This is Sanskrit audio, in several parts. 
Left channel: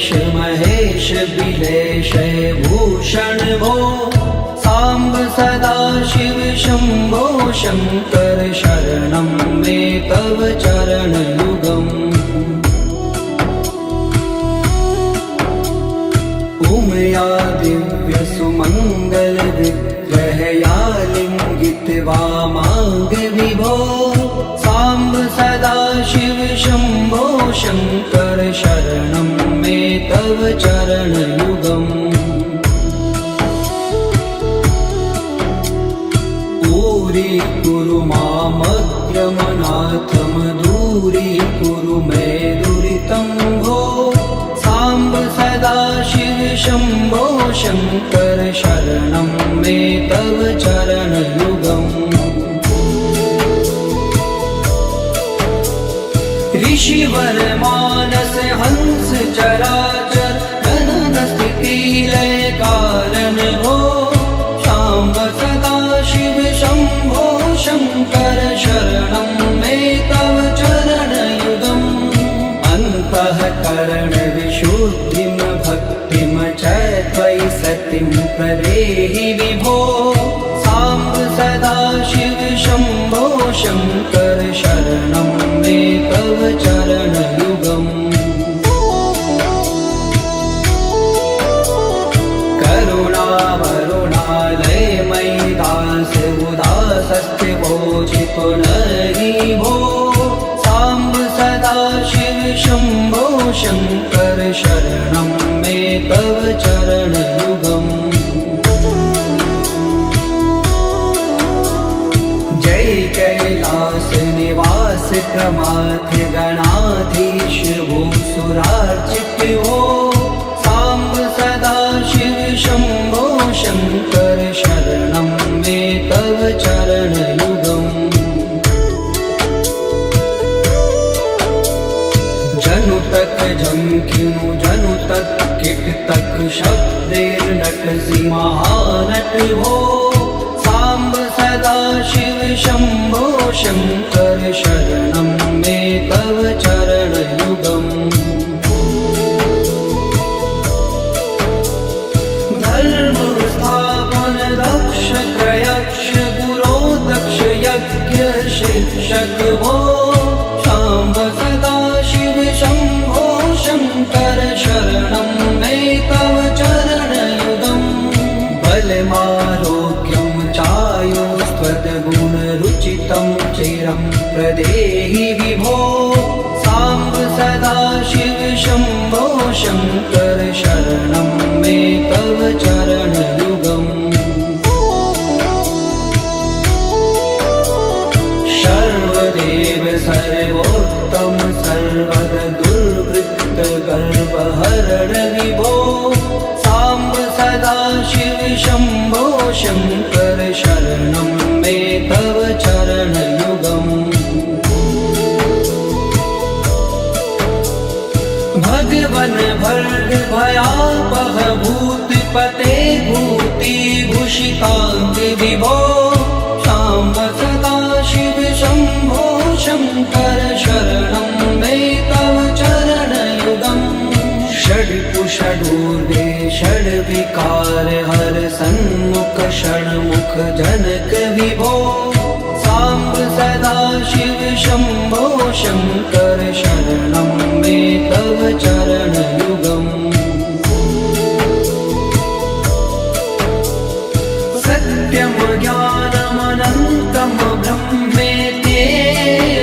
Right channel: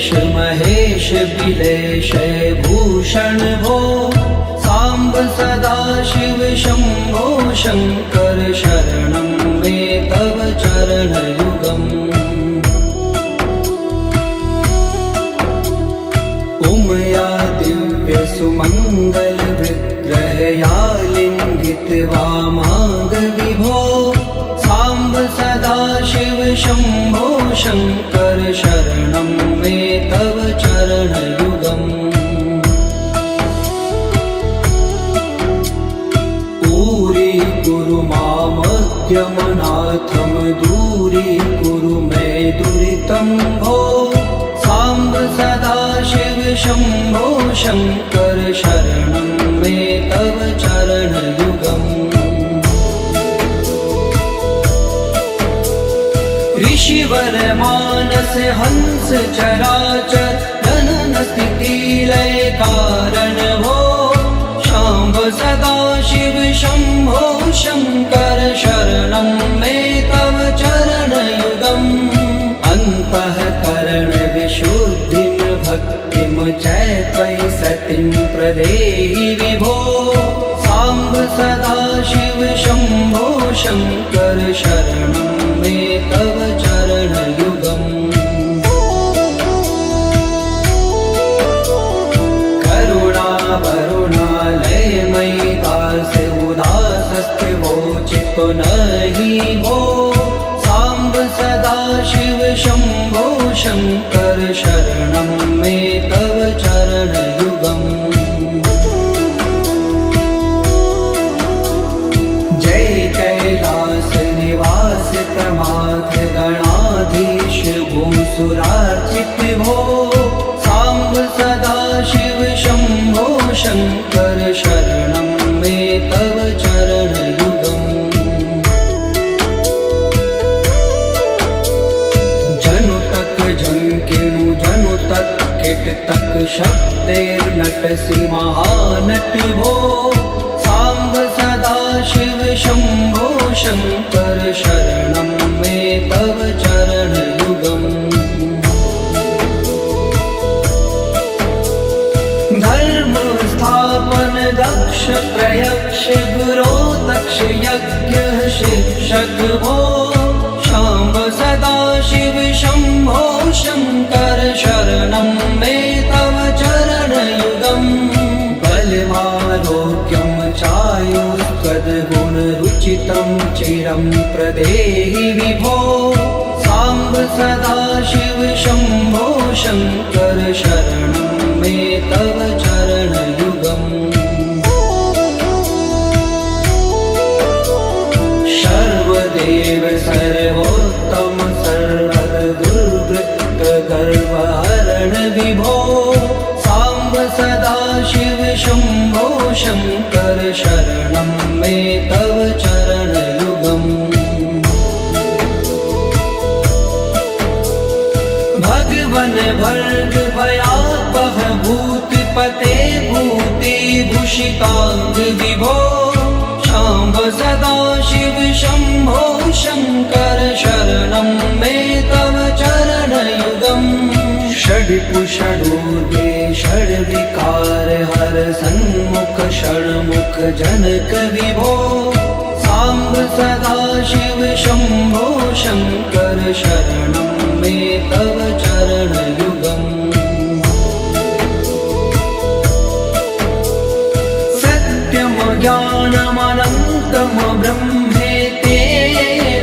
देवेश महेश बिलेश भूषण भो सांब सदाशिव शंभो शंकर शरणं मे तव चरणयुगम् उमया दिव्य सुमंगल विग्रहया लिंगित वामांग विभो सांब सदाशिव शंभो शंकर शरणं मे तव चरणयुगम् दूरी मामद्यमनाथम दूरी कुरु मे दुरितं भो सांब सदाशिव शंभो शंकर शरणं मे तव चरणयुगम् ऋषिवर मानस हंस चराचर जनन स्थिति लय कारण भो सांब सदाशिव शंभो शंकर शरणं मे तव चरणयुगम् अन्तःकरण विशुद्धिं भक्तिं च त्वयि सतिं प्रदेहि विभो सांब सदाशिव शंभो शंकर शरणं मे तव चरणयुगम् नहीं भो सांब सदाशिव शंभो शंकर शरणं मे तव चरणयुगम् जय कैलास निवास प्रमाथ गणाधीश भूसुरार्चित भो सांब सदाशिव शंभो शंकर शरणं मे तव चरणयुगम् झंकिनु जनु तक किट तक शब्देर्नटसि महानट हो सांब सदाशिव शंभो शंकर शरणं मे तव चरणयुगम् धर्म स्थापन दक्ष प्रयक्ष गुरो दक्ष यज्ञ शिक्षक हो सांब सदाशिव शंभो शंकर शरणं मे तव चरणयुगम् बलमारोग्यं चायुस्त्वद्गुणरुचितं चिरं प्रदेहि विभो सांब सदाशिव शंभो शंकर शरणं मे तव चरणयुगम् सर्वदेव सर्वोत्तम सर्वद दुर्वृत्त गर्वहरण विभो सांब सदाशिव शंभो शंकर शरणं मे तव चरणयुगम् भगवन भर्ग भयापह भूतिपते भूतिभूषितांग विभो सांब सदाशिव शंभो शंकर शरणं मे तव चरणयुगम् षड्पुषडूर्वे षड्विकार हर सन्मुख षण्मुख जनक विभो सांब सदाशिव शंभो शंकर शरणं मे तव चरणयुगम् सत्यम ज्ञानमनन्तं ब्रह्मेति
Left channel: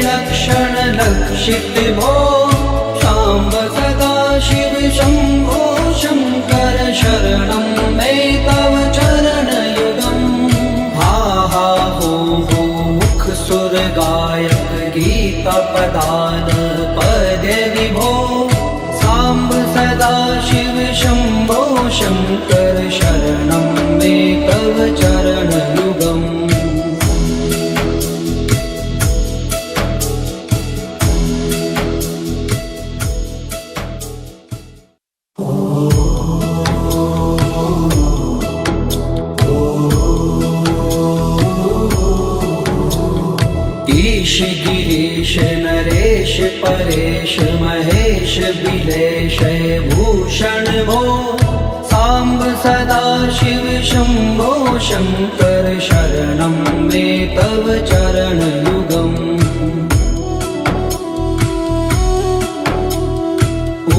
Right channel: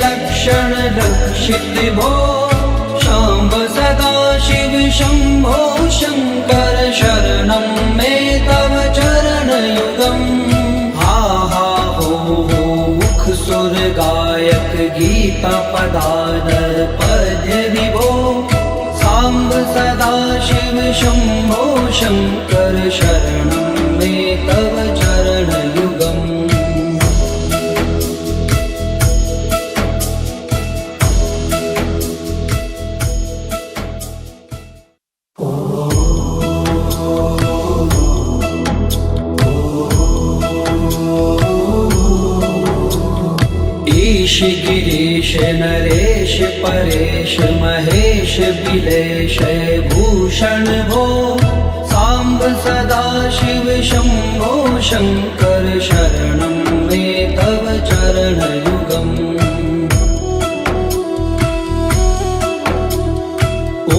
लक्षण लक्षित भो सांब सदाशिव शंभो शंकर शरणं मे तव चरणयुगम् हा हा परेश महेश बिलेश भूषण भो सांब सदा शिव शंभो शंकर शरणं मे तव चरणयुगम्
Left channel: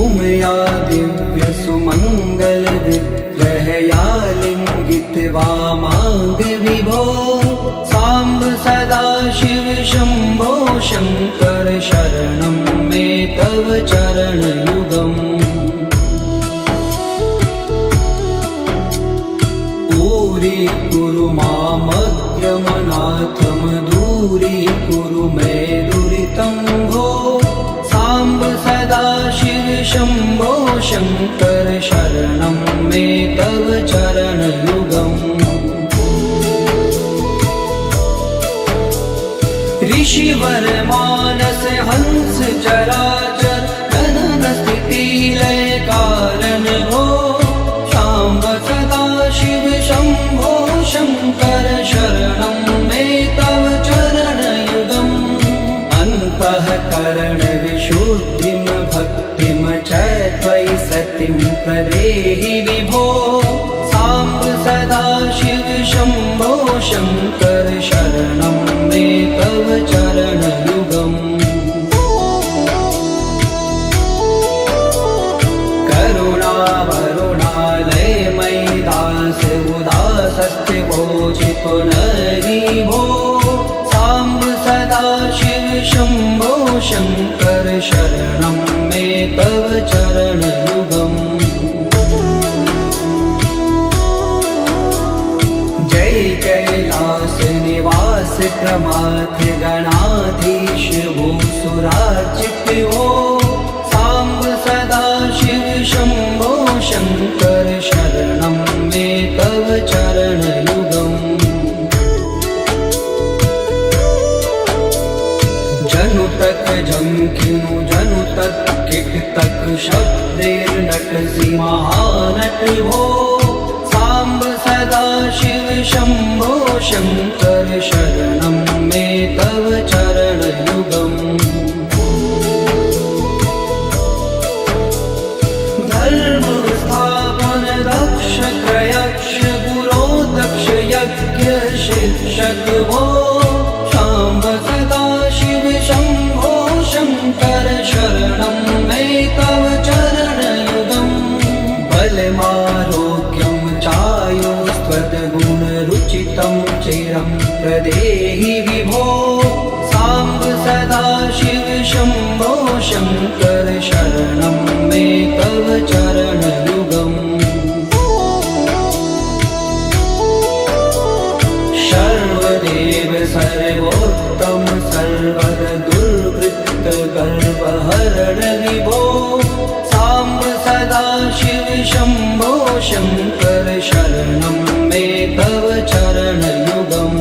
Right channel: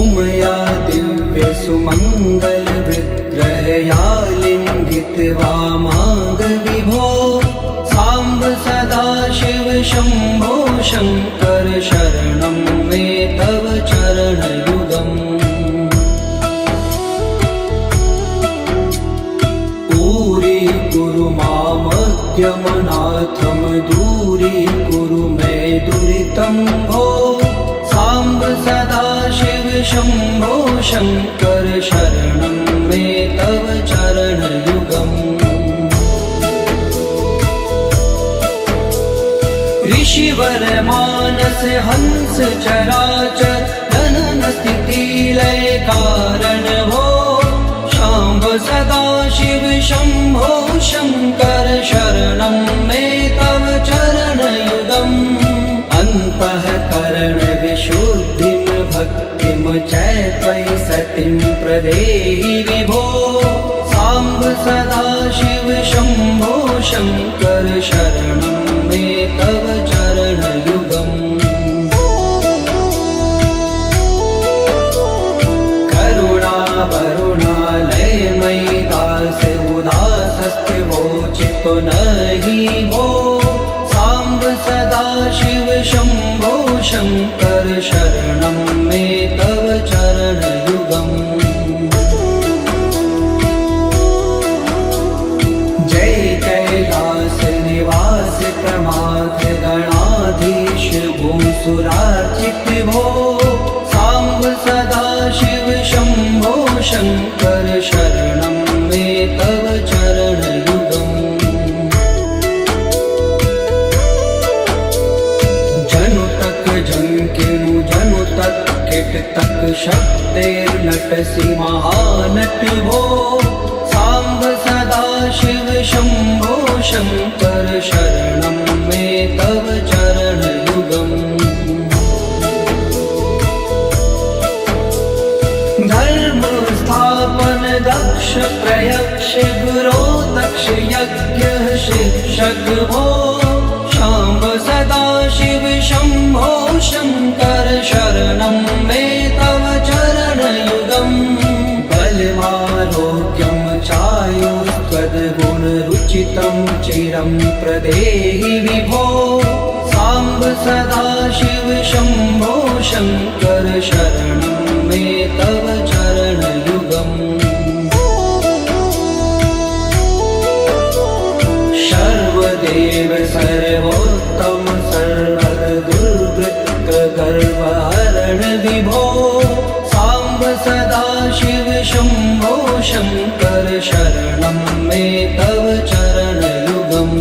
उमया दिव्य सुमंगल विग्रहया लिंगित वामांग विभो सांब सदा शिव शंभो शंकर शरणं मे तव चरणयुगम् कुरु मामद्यमनाथं दूरीकुरु मे दुरितं भो सांब सदा शिव शंभो शंकर शरणं मे तव चरणयुगम् ऋषिवर मानस हंस चराचर जनन स्थिति लय कारण भो सांब सदा शिव शंभो शंकर शरणं मे तव चरणयुगम् अन्तःकरण विशुद्धिं भक्तिं च त्वयि सतिं प्रदेहि विभो सांब सदा शिव शंभो शंकर शरणं मे तव चरणयुगम् चित्तो नहि भो सांब सदा शिव शंभो शंकर शरणं मे तव चरणयुगम् जय कैलास निवास प्रमाथ गणाधीश भूसुरार्चित भो सांब सदा शिव शंभो शंकर शरणं मे तव चरणयुगम् जंकिनु जनु तक किट तक शब्देर्नटसि महानट भो सांब सदा शिव शंभो शंकर शरणं मे तव चरणयुगम् धर्म स्थापन दक्ष त्रयक्ष गुरो दक्ष यज्ञ शिक्षक भो सांब सदा शिव शंभो शंकर शरणं मे तव चरणयुगम् बलमारोग्यं चायुस्त्वद्गुणरुचितं चिरं प्रदेहि विभो सांब सदा शिव शंभो शंकर शरणं मे तव चरणयुगम् सर्वदेव सर्वोत्तम सर्वर दुर्वृत्त गर्वहरण विभो सांब सदा शिव शंभो शंकर शरणं मे तव चरणयुगम्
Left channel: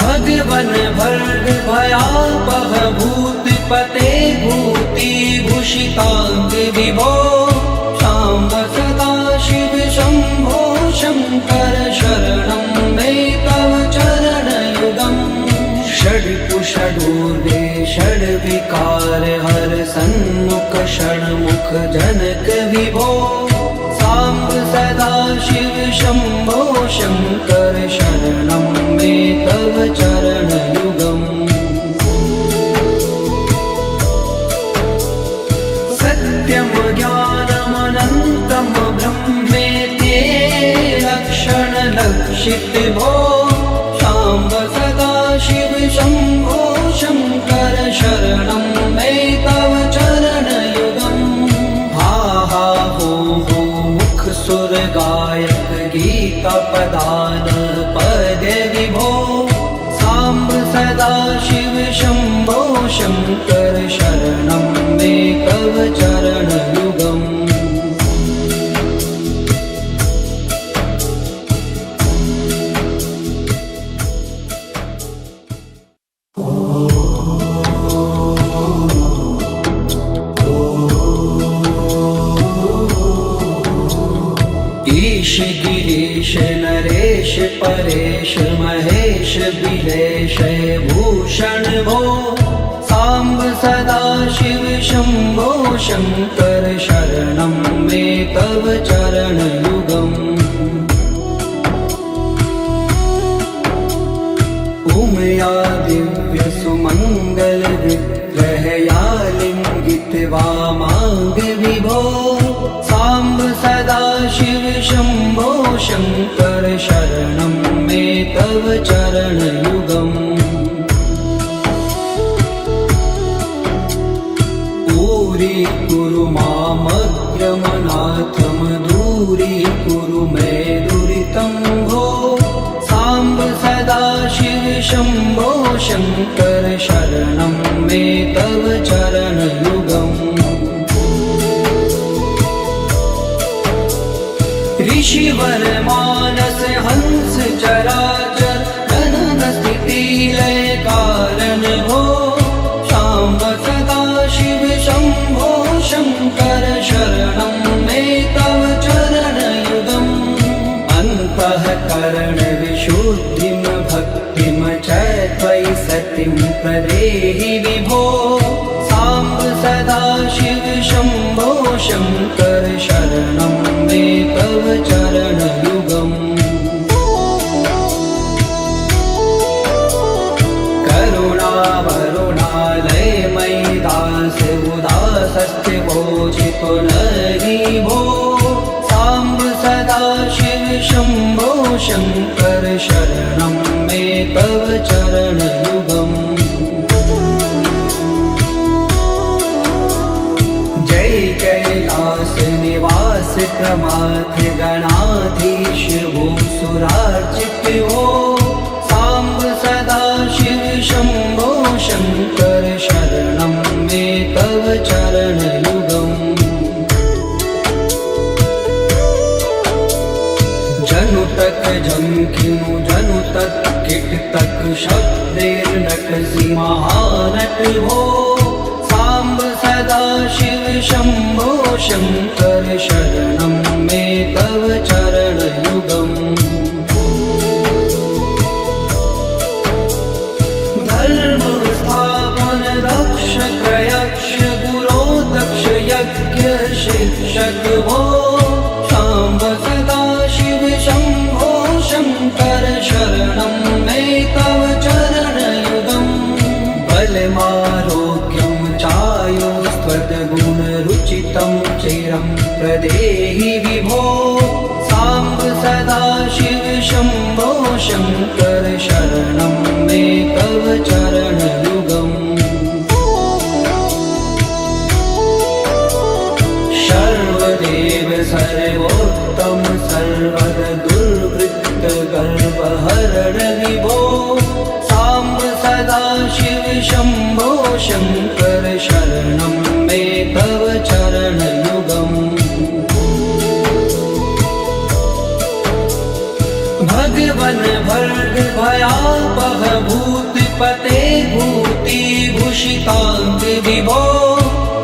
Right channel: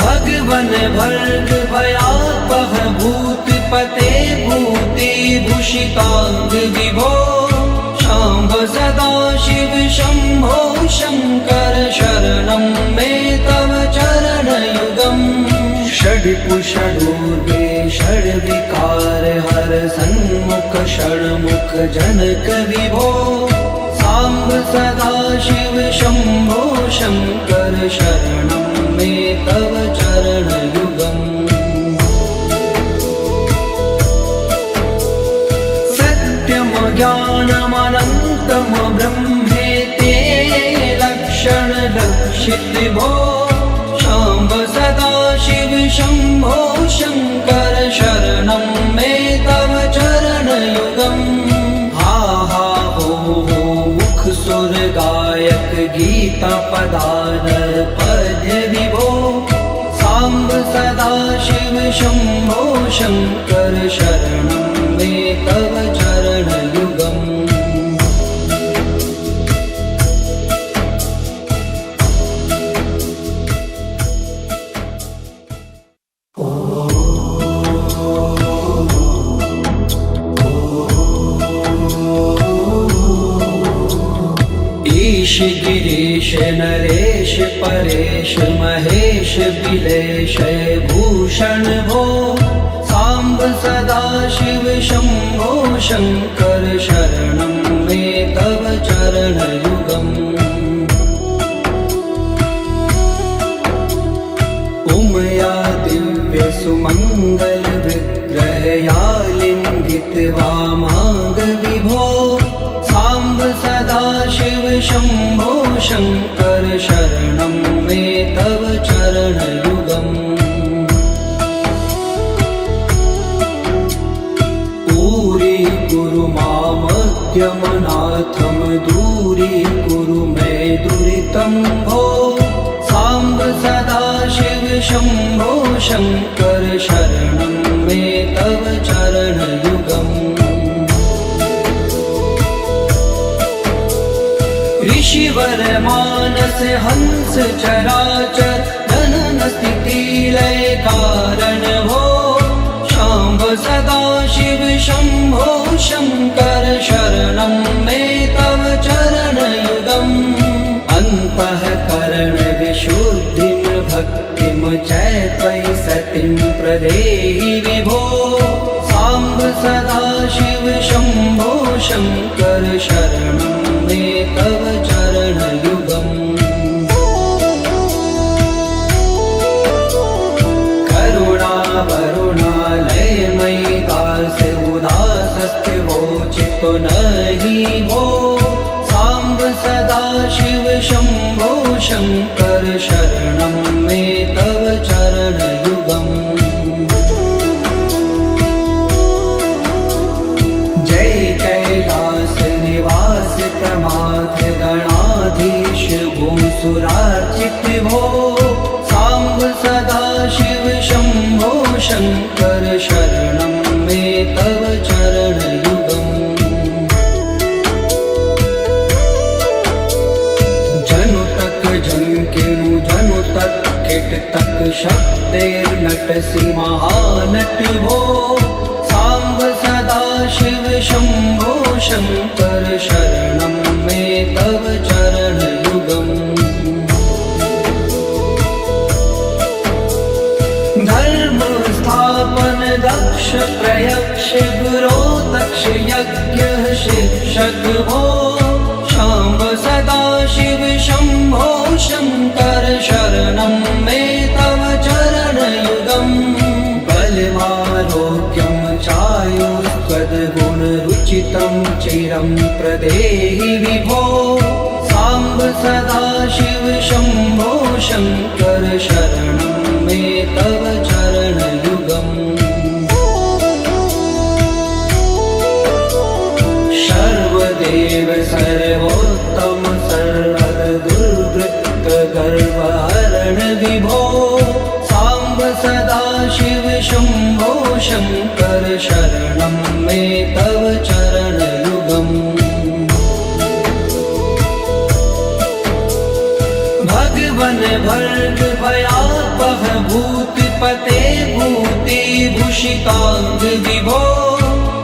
भगवन भर्ग भयापह भूतिपते भूति भूषितांग विभो सांब सदा शिव शंभो शंकर शरणं मे तव चरणयुगम् षड्कुषडूर्गे षड्विकार हर सन्मुख षण्मुख जनक विभो सांब सदा शिव शंभो शंकर शरणं मे तव चरणयुगम् सत्यं ज्ञानमनन्तं ब्रह्मेति लक्षण लक्षित भो सांब सदा शिव शंभो शंकर शरणं मे तव चरणयुगम् हा हा हो मुख सुर गायक गीता पदान पद्य विभो सांब सदा शिव शंभो शंकर शरणं मे तव चरणयुगम् ईश गिरीश नरेश देश परेश महेश बिलेश भूषण भो सांब सदा शिव शंभो शंकर शरणं मे तव चरण युगम् उमया दिव्य सुमंगल विग्रहया लिंगित वामांग विभो सांब सदा शिव शंभो शंकर शरणं मे तव चरण युगम् पूरी कुरु मामज्ञमनाथम दूरी कुरु मे दुरितं भो सांब सदा शिव शंभो शंकर शरणं मे तव चरण युगम् ऋषिवर मानस हंस चराचर धनन स्थिति लय कारण भो शाम्ब सदा शिव शंभो शंकर शरणं मे तव चरण युगम् अन्तःकरण विशुद्धिं भक्तिं च त्वयि सतिं प्रदेहि विभो सांब सदा शिव शंभो शंकर शरणं मे तव चरण युगम् करुणा वरुणालय मयि दास उदासस्थिवोचितो नरि भो सांब सदा शिव शंभो शंकर शरणं मे तव चरण युगम् जय कैलास निवास प्रमाथ गणाधीश भूसुरार्चित भो सांब सदा शिव शंभो शंकर शरणं मे तव चरण युगम् जनु तक झंकिनु जनु तक किट तक शब्दैर्नटसि महानट भो सांब सदा शिव शंभो शंकर शरणं मे तव चरण युगम् धर्म स्थापन दक्ष प्रयक्ष गुरो दक्ष यज्ञ शिक्षक भो शाम्ब सदा शिव शंभो शंकर शरणं मे तव चरण युगम् बलमारोग्यं चायुस्त्वद्गुणरुचितं चिरं प्रदेहि विभो सांब सदा शिव शंभो शंकर शरणं मे तव चरण युगम् सर्वदेव सर्वोत्तम सर्वद दुर्वृत्त गर्वहरण विभो सांब सदा शिव शंभो शंकर शरणं मे तव चरण युगम् भगवन भर्ग भयापह भूतिपते भूति भूषितांग विभो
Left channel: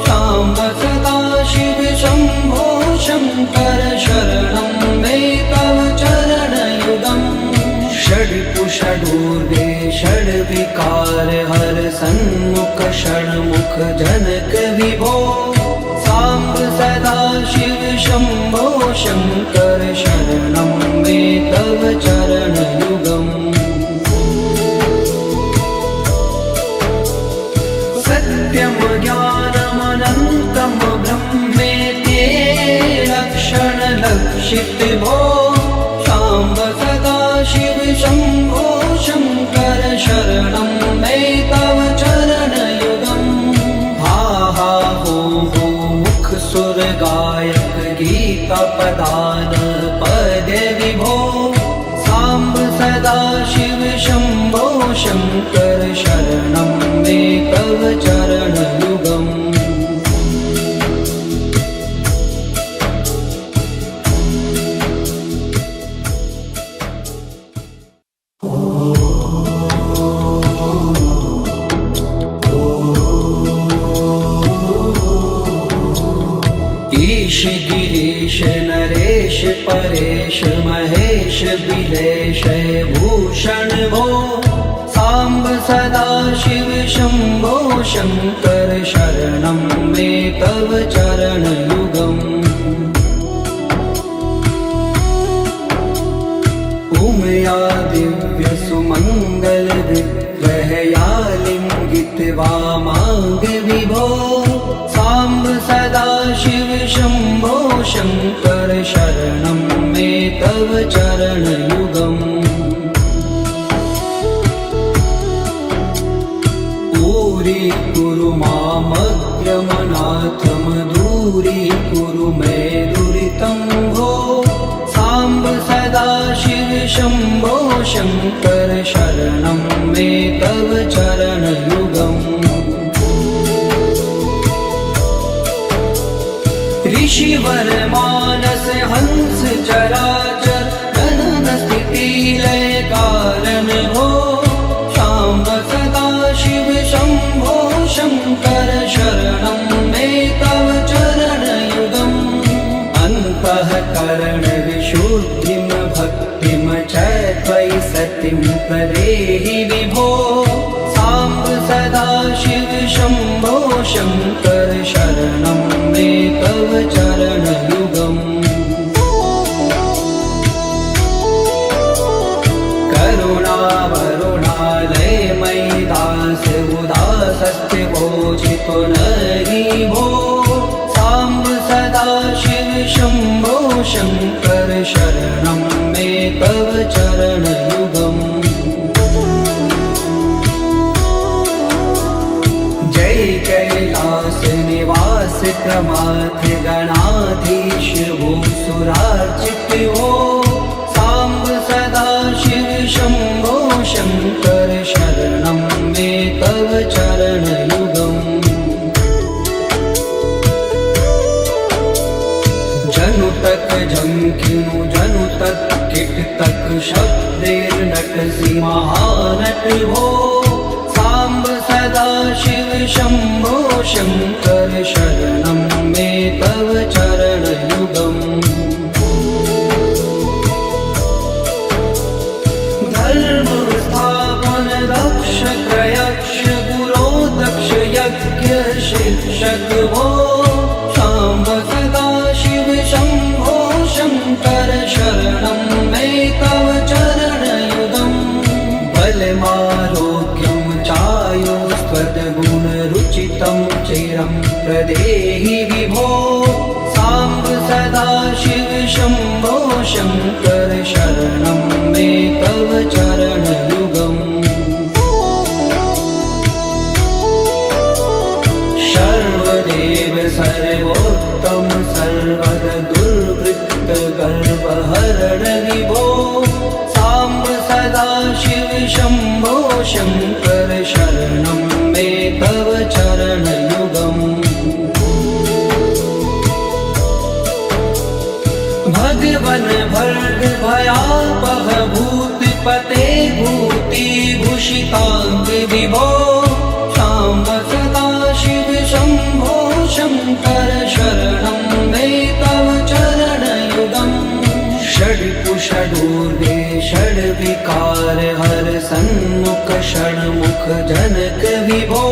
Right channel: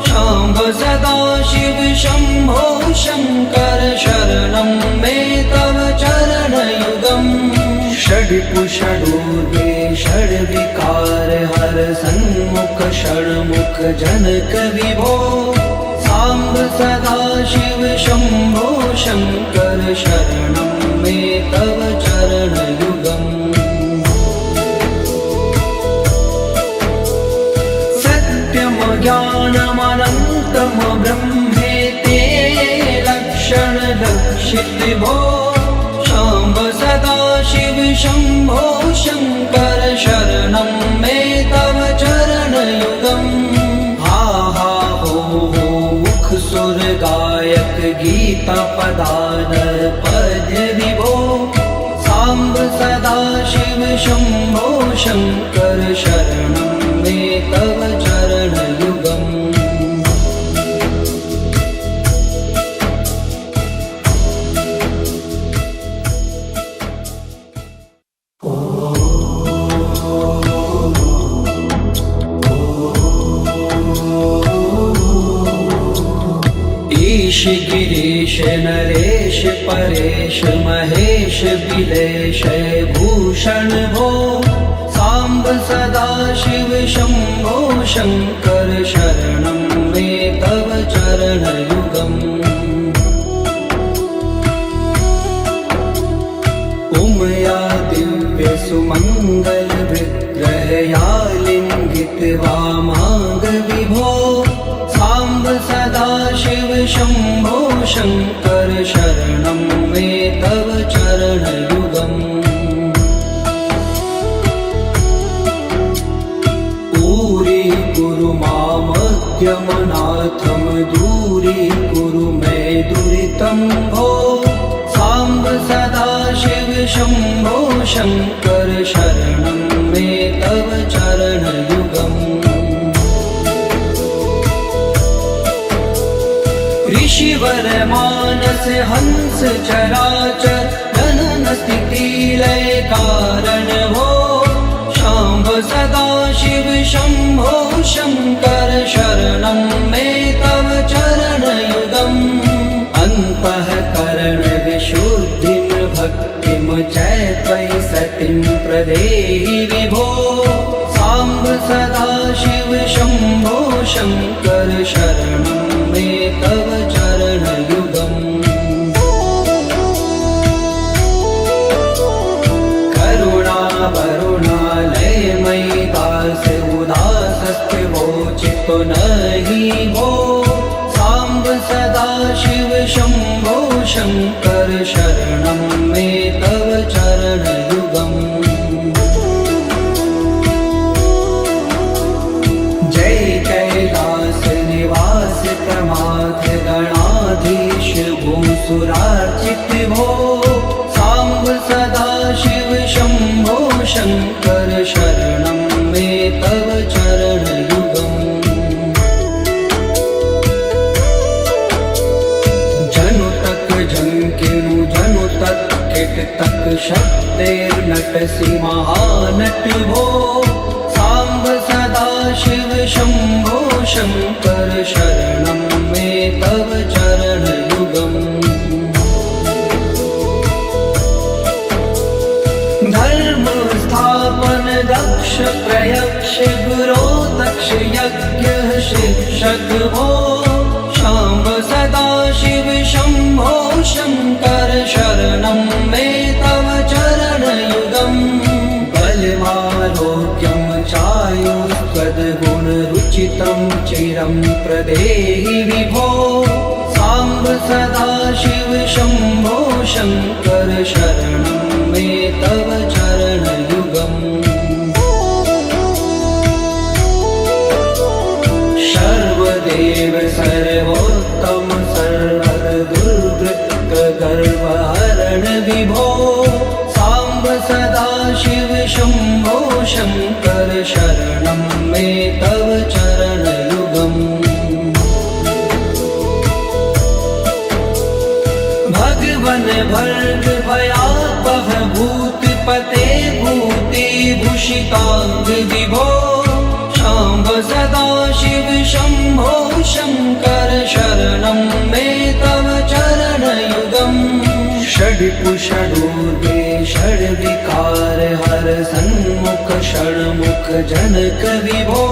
शाम्ब सदा शिव शंभो शंकर शरणं मे तव चरण युगम् षड्कुषडूर्गे षड्विकार हर सन्मुख षण्मुख जनक विभो सांब सदा शिव शंभो शंकर शरणं मे तव चरण युगम् सत्यम ज्ञानमनन्तं ब्रह्मेति लक्षण लक्षित भो शाम्ब सदा शिव शंभो शंकर शरणं मे तव चरण युगम् हा हा हो मुख सुर गायक गीता पदान पद्य विभो सांब सदा शिव शंभो शंकर शरणं मे तव चरण युगम् ईश गिरीश नरेश देश परेश महेश बिलेश भूषण भो सांब सदा शिव शंभो शंकर शरणं मे तव चरणयुगम् उमया दिव्य सुमंगल विग्रहया लिंगित वामांग विभो सांब सदा शिव शंभो शंकर शरणं मे तव चरणयुगम् कुरु मामद्यमनाथं दूरीकुरु मे दुरितं भो सांब सदा शिव शंभो शंकर शरणं मे तव चरणयुगम् ऋषिवर मानस हंस चराचर जनन स्थिति लय कारण भो सांब सदा शिव शंभो शंकर शरणं मे तव चरणयुगम् अन्तःकरण विशुद्धिं भक्तिं च त्वयि सतिं प्रदेहि विभो सांब सदा शिव शंभो शंकर शरणं मे तव चरणयुगम् नहि भो सांब सदा शिव शंभो शंकर शरणं मे तव चरणयुगम् जय कैलास निवास प्रमाथ गणाधीश भूसुरार्चित भो सांब सदा शिव शंभो शंकर शरणं मे तव चरणयुगम् झंकिनु जनु तक किट तक शब्देर्नटसि महानट भो सांब सदा शिव शंभो शंकर शरणं मे तव चरणयुगम् धर्म स्थापन दक्ष प्रयक्ष गुरो दक्ष यज्ञ शिक्षक भो सांब सदा शिव शंभो शंकर शरणं मे तव चरणयुगम् बलमारोग्यं चायुस्त्वद्गुणरुचितं चिरं प्रदेहि विभो सांब सदा शिव शंभो शंकर शरणं मे तव चरणयुगम् सर्वदेव सर्वोत्तम सर्वद दुर्वृत्त गर्वहरण विभो सांब सदा शिव शंभो शंकर शरणं मे तव चरणयुगम् भगवन भर्ग भयापह भूतिपते भूतिभूषितांग विभो सांब सदा शिव शंभो शंकर शरणं मे तव चरणयुगम् षड्कुषडूर्वे षड्विकार हर सन्मुख षण्मुख जनक विभो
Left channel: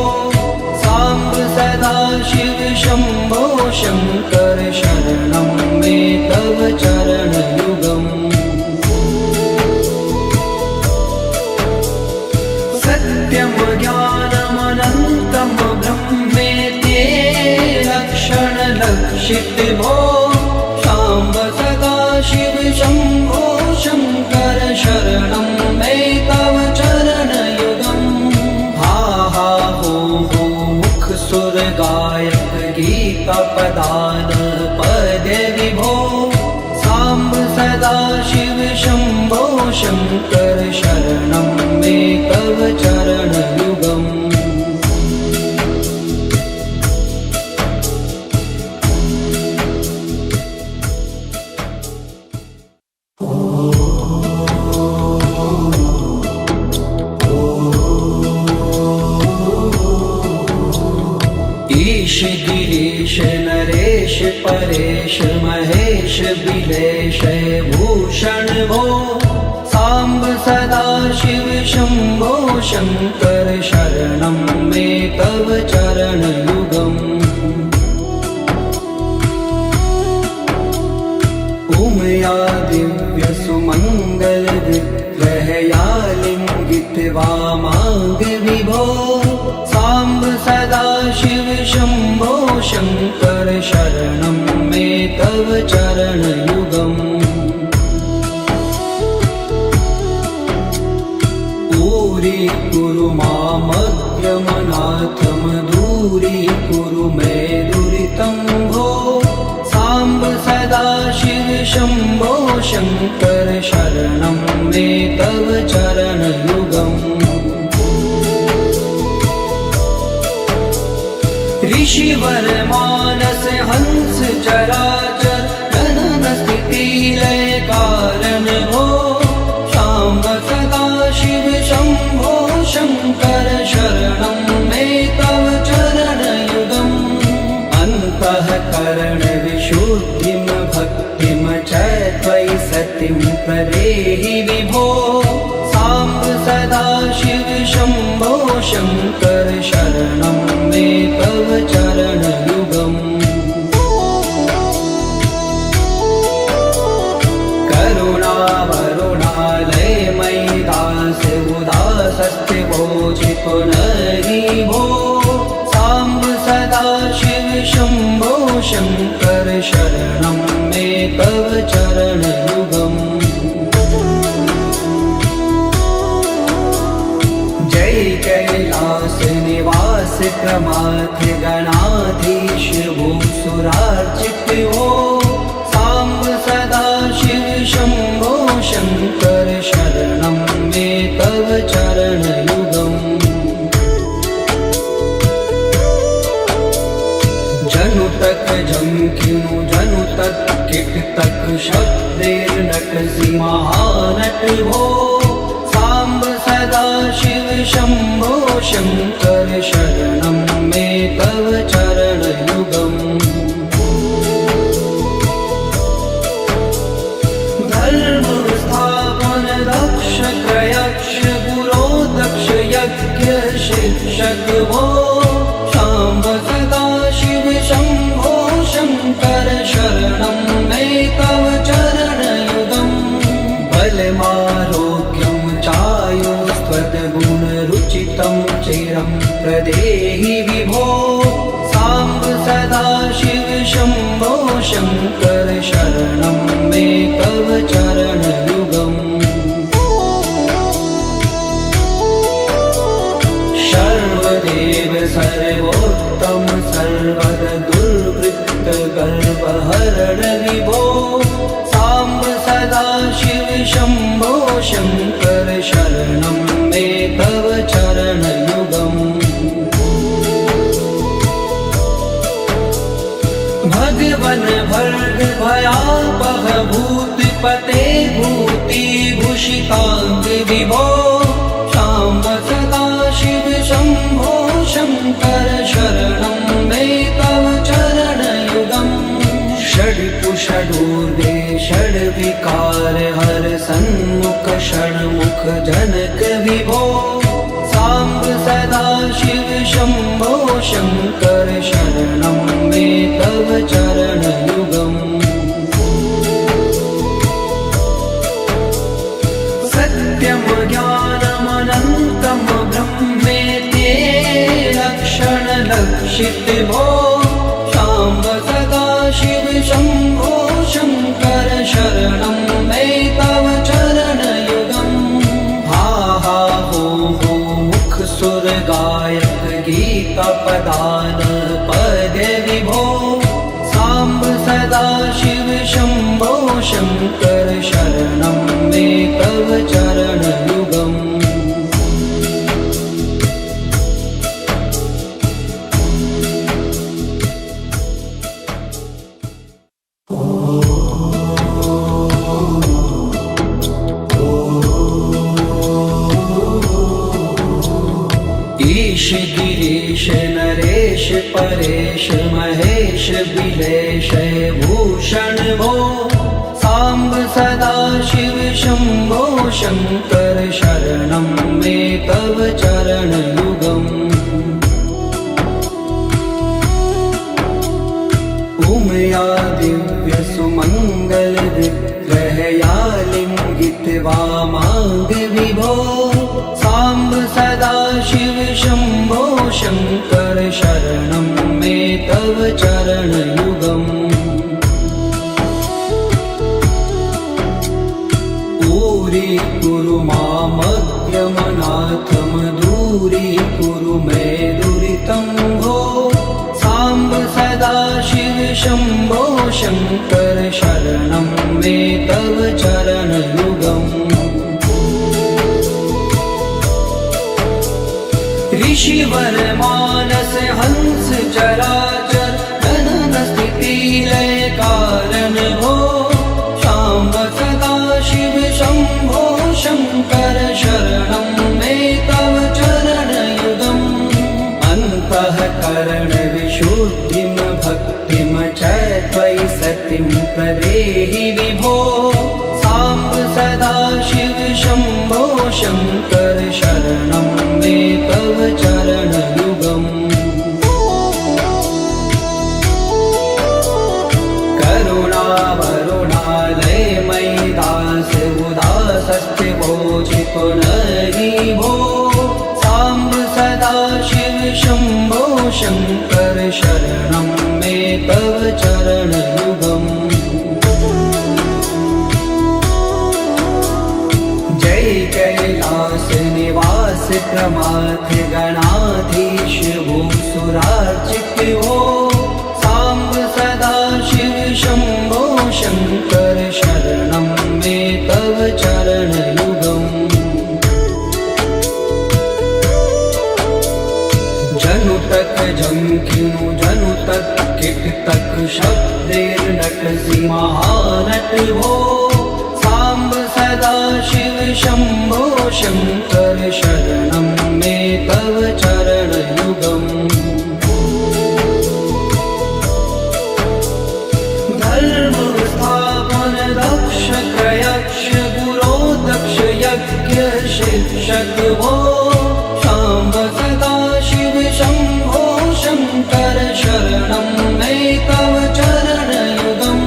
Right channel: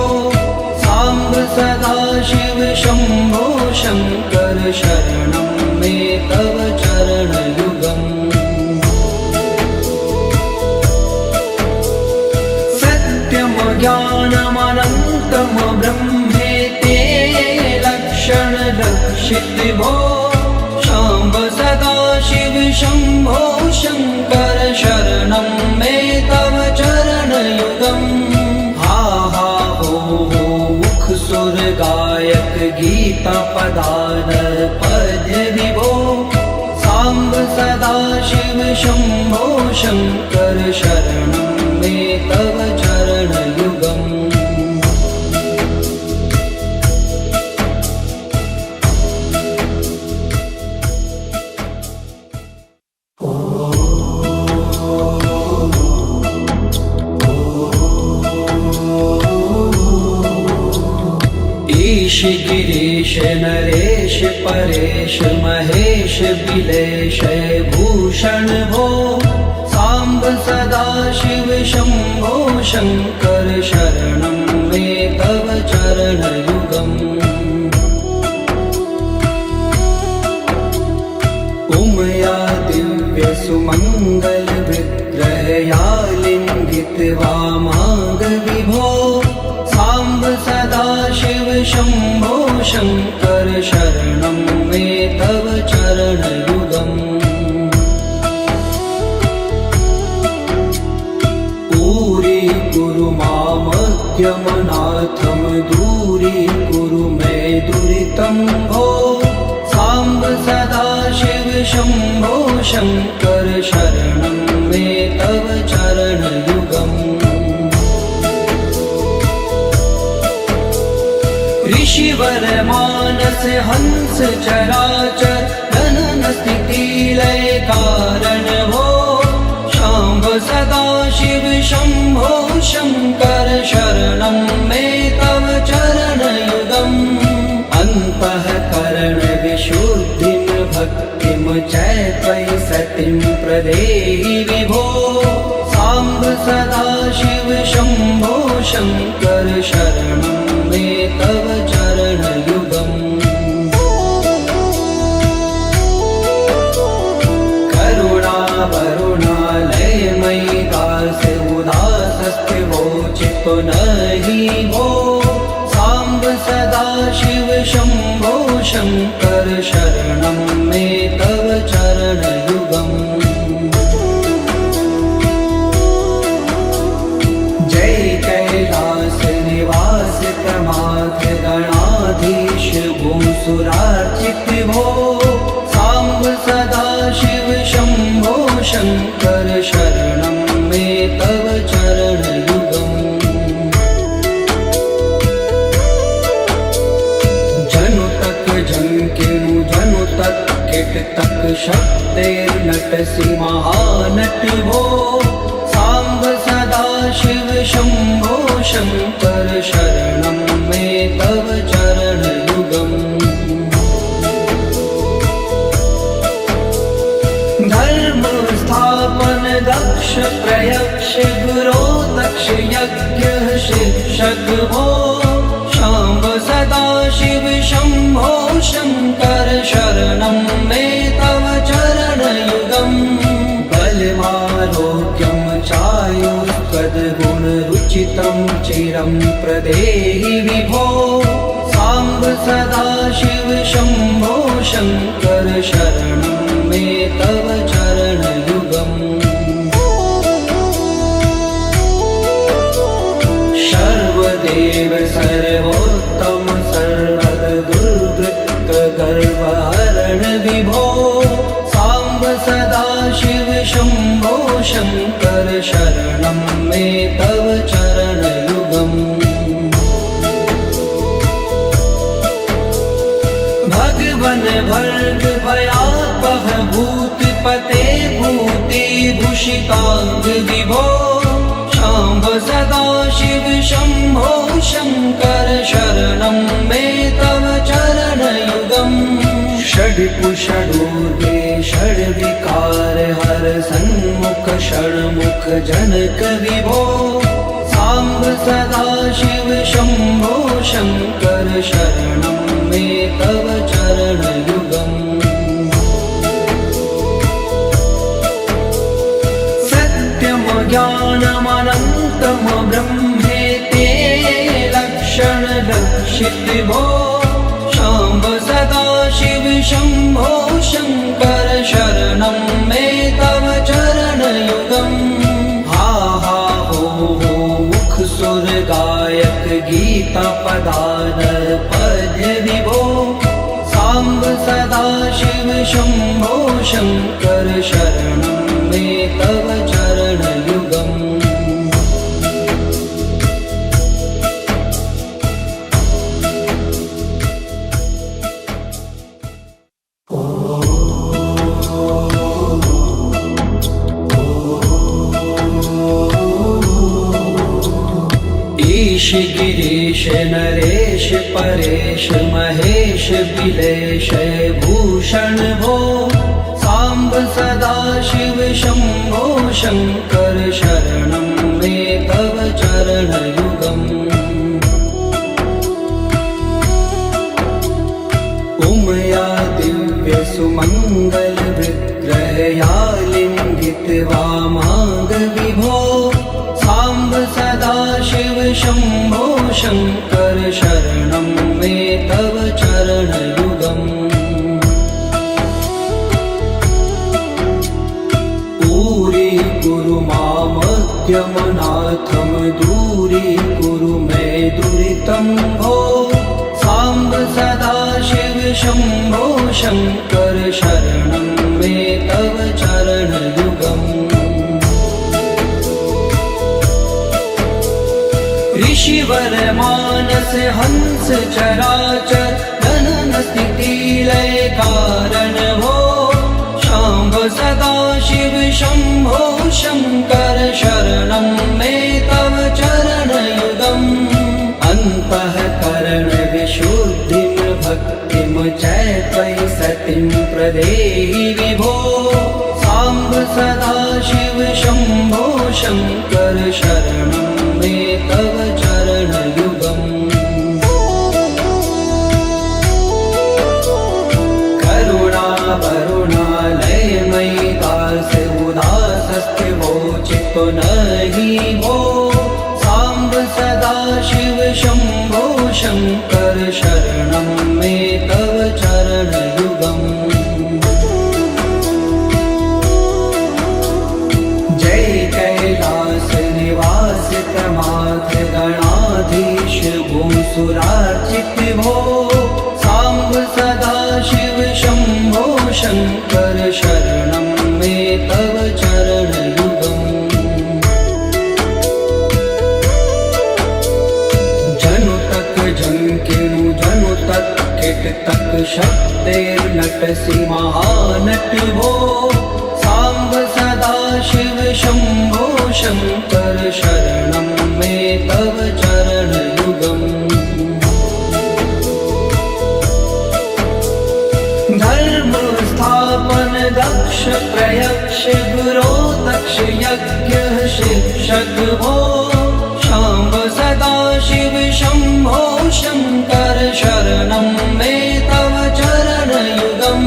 सांब सदा शिव शंभो शंकर शरणं मे तव चरणयुगम् सत्यम ज्ञानमनन्तम ब्रह्मेते लक्षण लक्षित भो सांब सदा शिव शंभो शंकर शरणं मे तव चरणयुगम् हा हा हो मुख सुर गायक गीता पदान पद्य विभो सांब सदा शिव शंभो शंकर शरणं मे तव चरणयुगम् महेश बिलेश भूषण भो सांब सदा शिव शंभो शंकर शरणं मे तव चरण युगम् उमया दिव्य सुमंगल विग्रहया लिंगित वामांग विभो सांब सदा शिव शंभो शंकर शरणं मे तव चरण युगम् पूरी कुरु मामद्यमनाथम दूरी कुरु मे दुरितं भो सांब सदा शिव शंभो शंकर शरणं मे तव चरण युगम् ऋषिवर मानस हंस चराचर जनन स्थिति लय कारण भो शाम्ब सदा शिव शंभो शंकर शरणं मे तव चरण युगम् अन्तःकरण विशुद्धिं भक्तिं च त्वयि सतिं प्रदेहि विभो सांब सदा शिव शंभो शंकर शरणं मे तव चरण युगम् करुणा वरुणालय मयि दास उदासस्थिवो चित्तो नहि भो सांब सदा शिव शंभो शंकर शरणं मे तव चरण युगम् जय कैलास निवास प्रमाथ गणाधीश भूसुरार्चित भो सांब सदा शिव शंभो शंकर शरणं मे तव चरण युगम् जनु तक झंकिनु जनु तक किट तक शब्दैर्नटसि महानट भो सांब सदा शिव शंभो शंकर शरणं मे तव चरण युगम् धर्म स्थापन दक्ष प्रयक्ष गुरो दक्ष यज्ञ शिक्षक भो शाम्ब सदा शिव शंभो शंकर शरणं मे तव चरण युगम् बलमारोग्यं चायुस्त्वद्गुणरुचितं चिरं प्रदेहि विभो सांब सदा शिव शंभो शंकर शरणं मे तव चरण युगम् सर्वदेव सर्वोत्तम सर्वद दुर्वृत्त गर्वहरण विभो सांब सदा शिव शंभो शंकर शरणं मे तव चरण युगम् भगवन भर्ग भयापह भूतिपते भूति भूषितांग विभो शाम्ब सदा शिव शंभो शंकर शरणं मे तव चरण युगम् षड्कुषडूर्वे षड्विकार हर सन्मुख षण्मुख जनक विभो सांब सदा शिव शंभो शंकर शरणं मे तव चरण युगम् सत्यम ज्ञानमनन्तं ब्रह्मेति लक्षण लक्षित भो शाम्ब सदा शिव शंभो शंकर शरणं मे तव चरण युगम् हा हा हो मुख सुर गायक गीता पदान पद्य विभो सांब सदा शिव शंभो शंकर शरणं मे तव चरण युगम् ईश गिरीश नरेश परेश महेश बिलेश भूषण भूषण भो साम्ब सदाशिव शम्भो शङ्कर शरणं मे तव चरणयुगम् उमया दिव्य सुमङ्गल विग्रहया लिङ्गित्वा माग विभो साम्ब सदाशिव शम्भो शङ्कर शरणं मे तव चरणयुगम् दूरीकुरु मामद्यमनाथं दूरीकुरु मे दुरितं भो साम्ब सदाशिव शम्भो शङ्कर शरणं मे तव चरणयुगम् ऋषिवर मानस हंस चराचर जनन स्थिति लय कारण भो शाम्ब सदाशिव शम्भो शङ्कर शरणं मे तव चरणयुगम् अन्तःकरण विशुद्धिं भक्तिं च त्वयि सतिं प्रदेहि विभो साम्ब सदाशिव शम्भो शङ्कर शरणं मे तव चरणयुगम् करुणावरुणालयमयि दास उदासस्थिवोचितो नहि भो साम्ब सदाशिव शम्भो शङ्कर शरणं मे तव चरणयुगम् जय कैलास निवास प्रमाथ गणाधीश भूसुरार्चित भो साम्ब सदाशिव शम्भो शङ्कर शरणं मे तव चरणयुगम् जनु तक झंकिनु जनु तक किट तक शब्दैर्नटसि महानट भो साम्ब सदाशिव शम्भो शङ्कर शरणं मे तव चरणयुगम् धर्म स्थापन दक्ष प्रयक्ष गुरो दक्ष यज्ञ शिक्षक भो शाम्ब सदाशिव शम्भो शङ्कर शरणं मे तव चरणयुगम्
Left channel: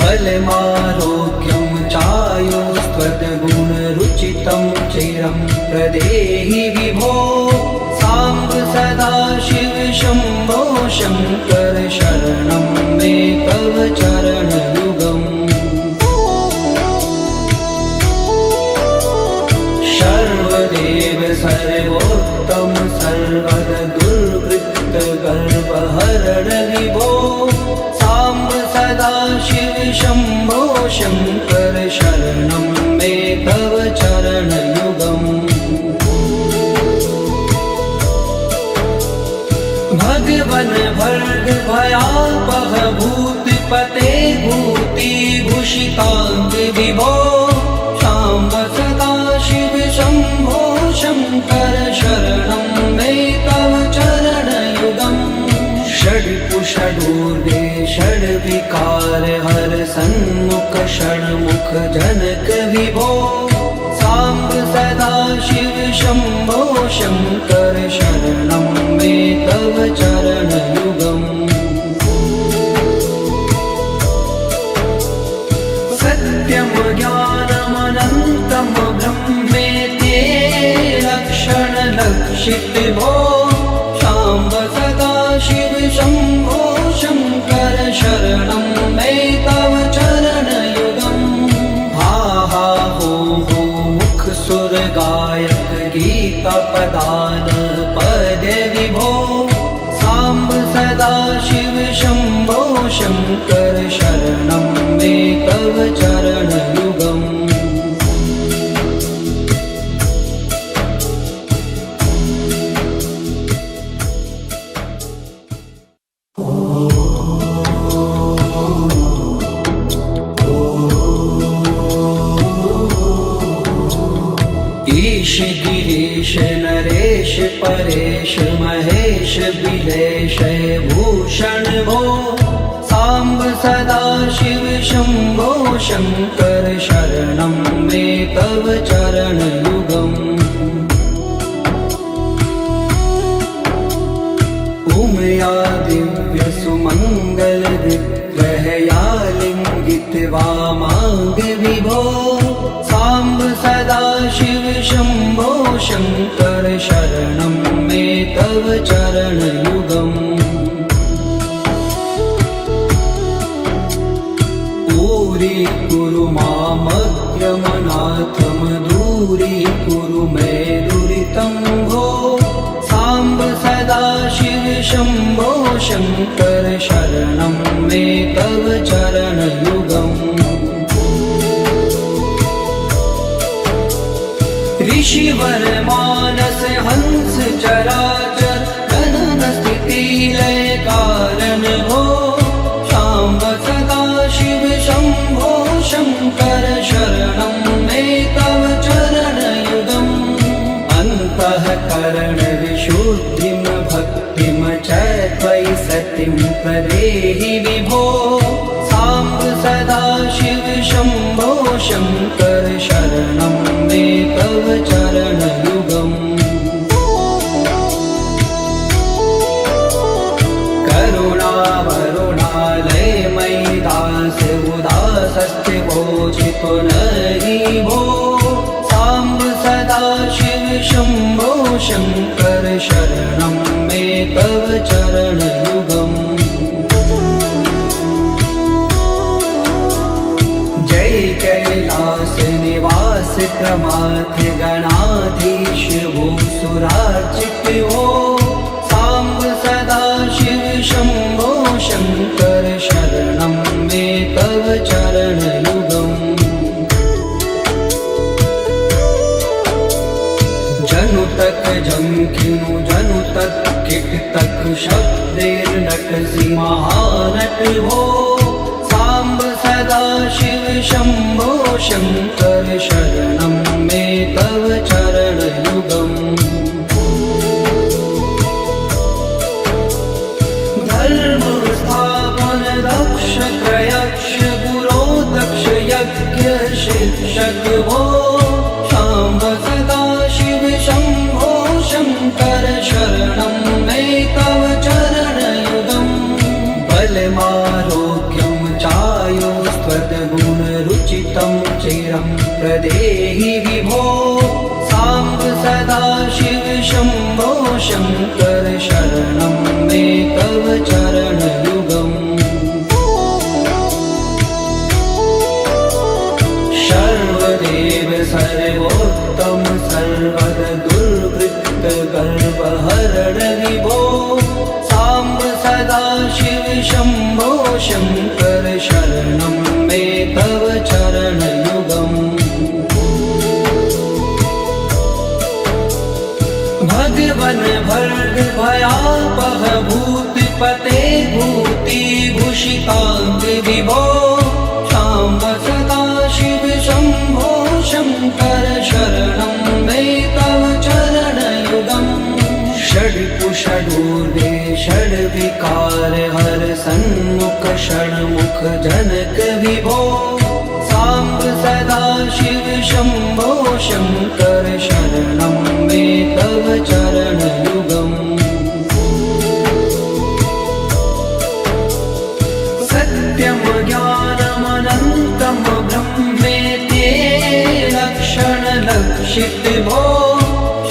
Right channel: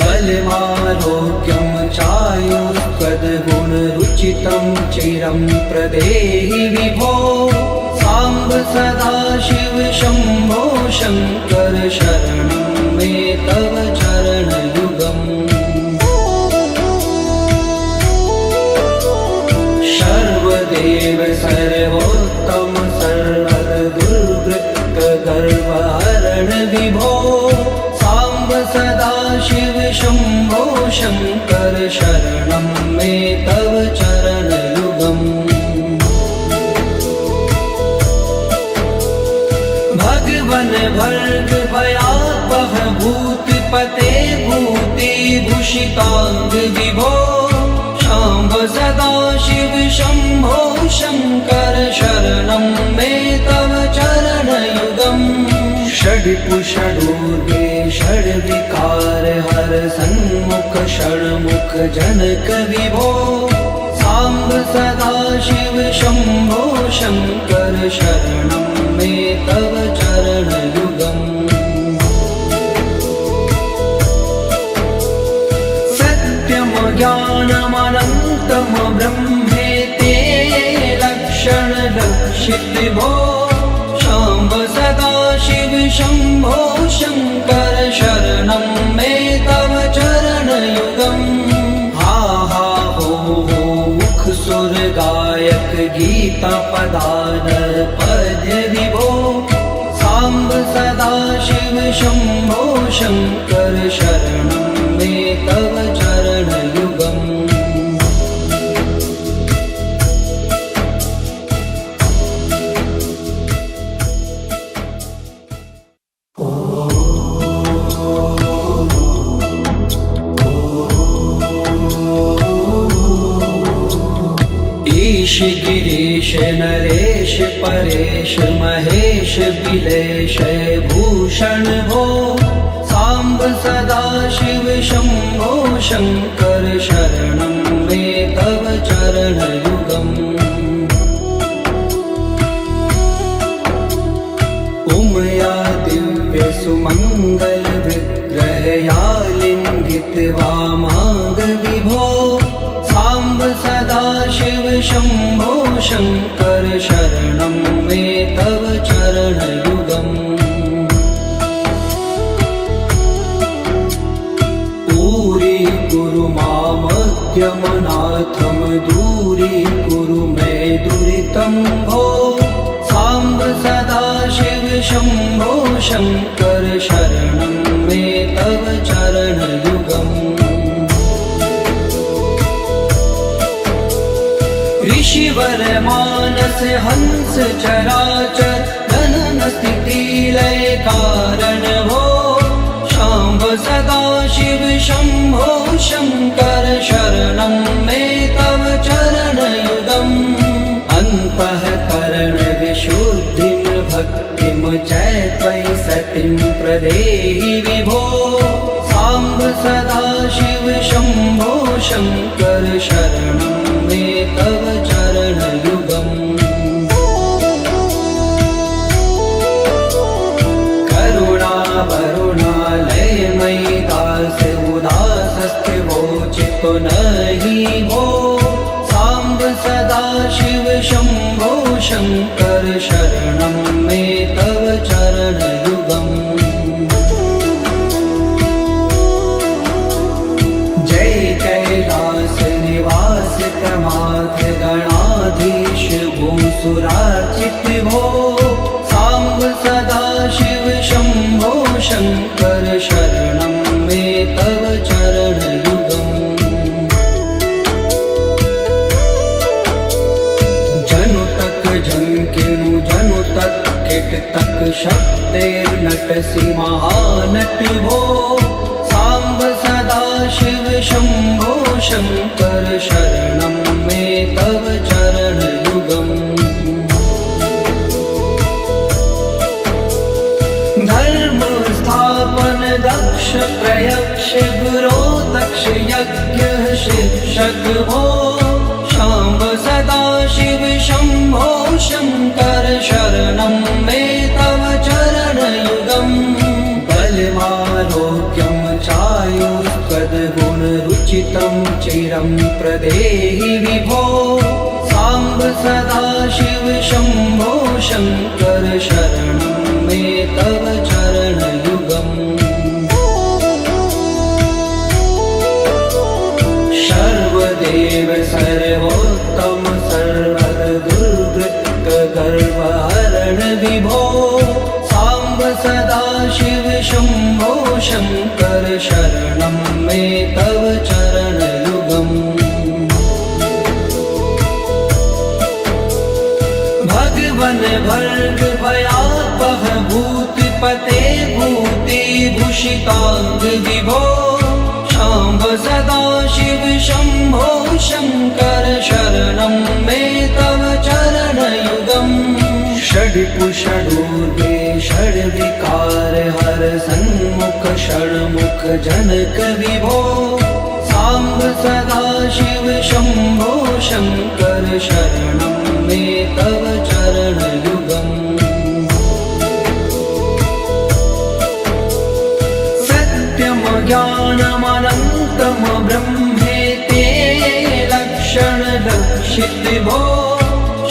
बलमारोग्यं चायुस्त्वद्गुणरुचितं चिरं प्रदेहि विभो साम्ब सदाशिव शम्भो शङ्कर शरणं मे तव चरणयुगम् सर्वदेव सर्वोत्तम सर्वद दुर्वृत्त गर्वहरण विभो साम्ब सदाशिव शम्भो शङ्कर शरणं मे तव चरणयुगम् भगवन भर्ग भयापह भूतिपते भूतिभूषिताङ्ग विभो शाम्ब सदाशिव शम्भो शङ्कर शरणं मे तव चरणयुगम् षड्पुषडूर्वे षड्विकार हर सन्मुख षण्मुख जनक विभो साम्ब सदाशिव शम्भो शङ्कर शरणं मे तव चरणयुगम् सत्यं ज्ञानमनन्तं ब्रह्मेति लक्षणलक्षित भो शाम्ब सदाशिव शम्भो शङ्कर शरणं मे तव चरणयुगम् हा हा हो मुख सुर गायक गीता पदान पद्य विभो साम्ब सदाशिव शम्भो शङ्कर शरणं मे तव चरणयुगम् ईश गिरीश नरेश परेश महेश बिलेश भूषण भो साम्ब सदा शिव शम्भो शङ्कर शरणं मे तव चरणयुगम् उमया दिव्य सुमङ्गल विग्रहया लिङ्गित वामाग विभो साम्ब सदा शिव शम्भो शङ्कर शरणं मे तव चरणयुगम् कुरु मामद्यमनाथं दूरीकुरु मे दुरितं भो साम्ब सदा शिव शम्भो शङ्कर शरणं मे तव चरणयुगम् ऋषिवर मानस हंस चराचर जनन स्थिति लय कारण भो शाम्ब सदा शिव शम्भो शङ्कर शरणं मे तव चरणयुगम् अन्तःकरण विशुद्धिं भक्तिं च त्वयि सतिं प्रदेहि विभो साम्ब सदा शिव शम्भो शङ्कर शरणं मे तव चरणयुगम् पुनहि भो साम्ब सदा शिव शम्भो शङ्कर शरणं मे तव चरणयुगम् जय कैलास निवास प्रमाथ गणाधीश भूसुरार्चित भो साम्ब सदा शिव शम्भो शङ्कर शरणं मे तव चरणयुगम् जंकिनु जनु तक किट तक शब्दैर्नटसि महानट हो साम्ब सदा शिव शम्भो शङ्कर शरणं मे तव चरणयुगम् धर्म स्थापन दक्ष प्रयक्ष गुरो दक्ष यज्ञ शिक्षक भो शाम्ब सदा शिव शम्भो शङ्कर शरणं मे तव चरणयुगम् बलमारोग्यं चायुस्त्वद्गुणरुचितं चिरं प्रदेहि विभो साम्ब सदा शिव शम्भो शङ्कर शरणं मे तव चरणयुगम् सर्वदेव सर्वोत्तम सर्वद दुर्वृत्त गर्वहरण विभो साम्ब सदा शिव शम्भो शङ्कर शरणं मे तव चरणयुगम् भगवन् भर्ग भयापह भूतिपते भूतिभूषिताङ्ग विभो साम्ब सदा शिव शम्भो शङ्कर शरणं मे तव चरणयुगम् षड्कुषडूर्वे षड्विकार हर सन्मुख षण्मुख जनक विभो साम्ब सदा शिव शम्भो शङ्कर शरणं मे तव चरणयुगम् सत्यं ज्ञानमनन्तं ब्रह्मेते लक्षण लक्षित भो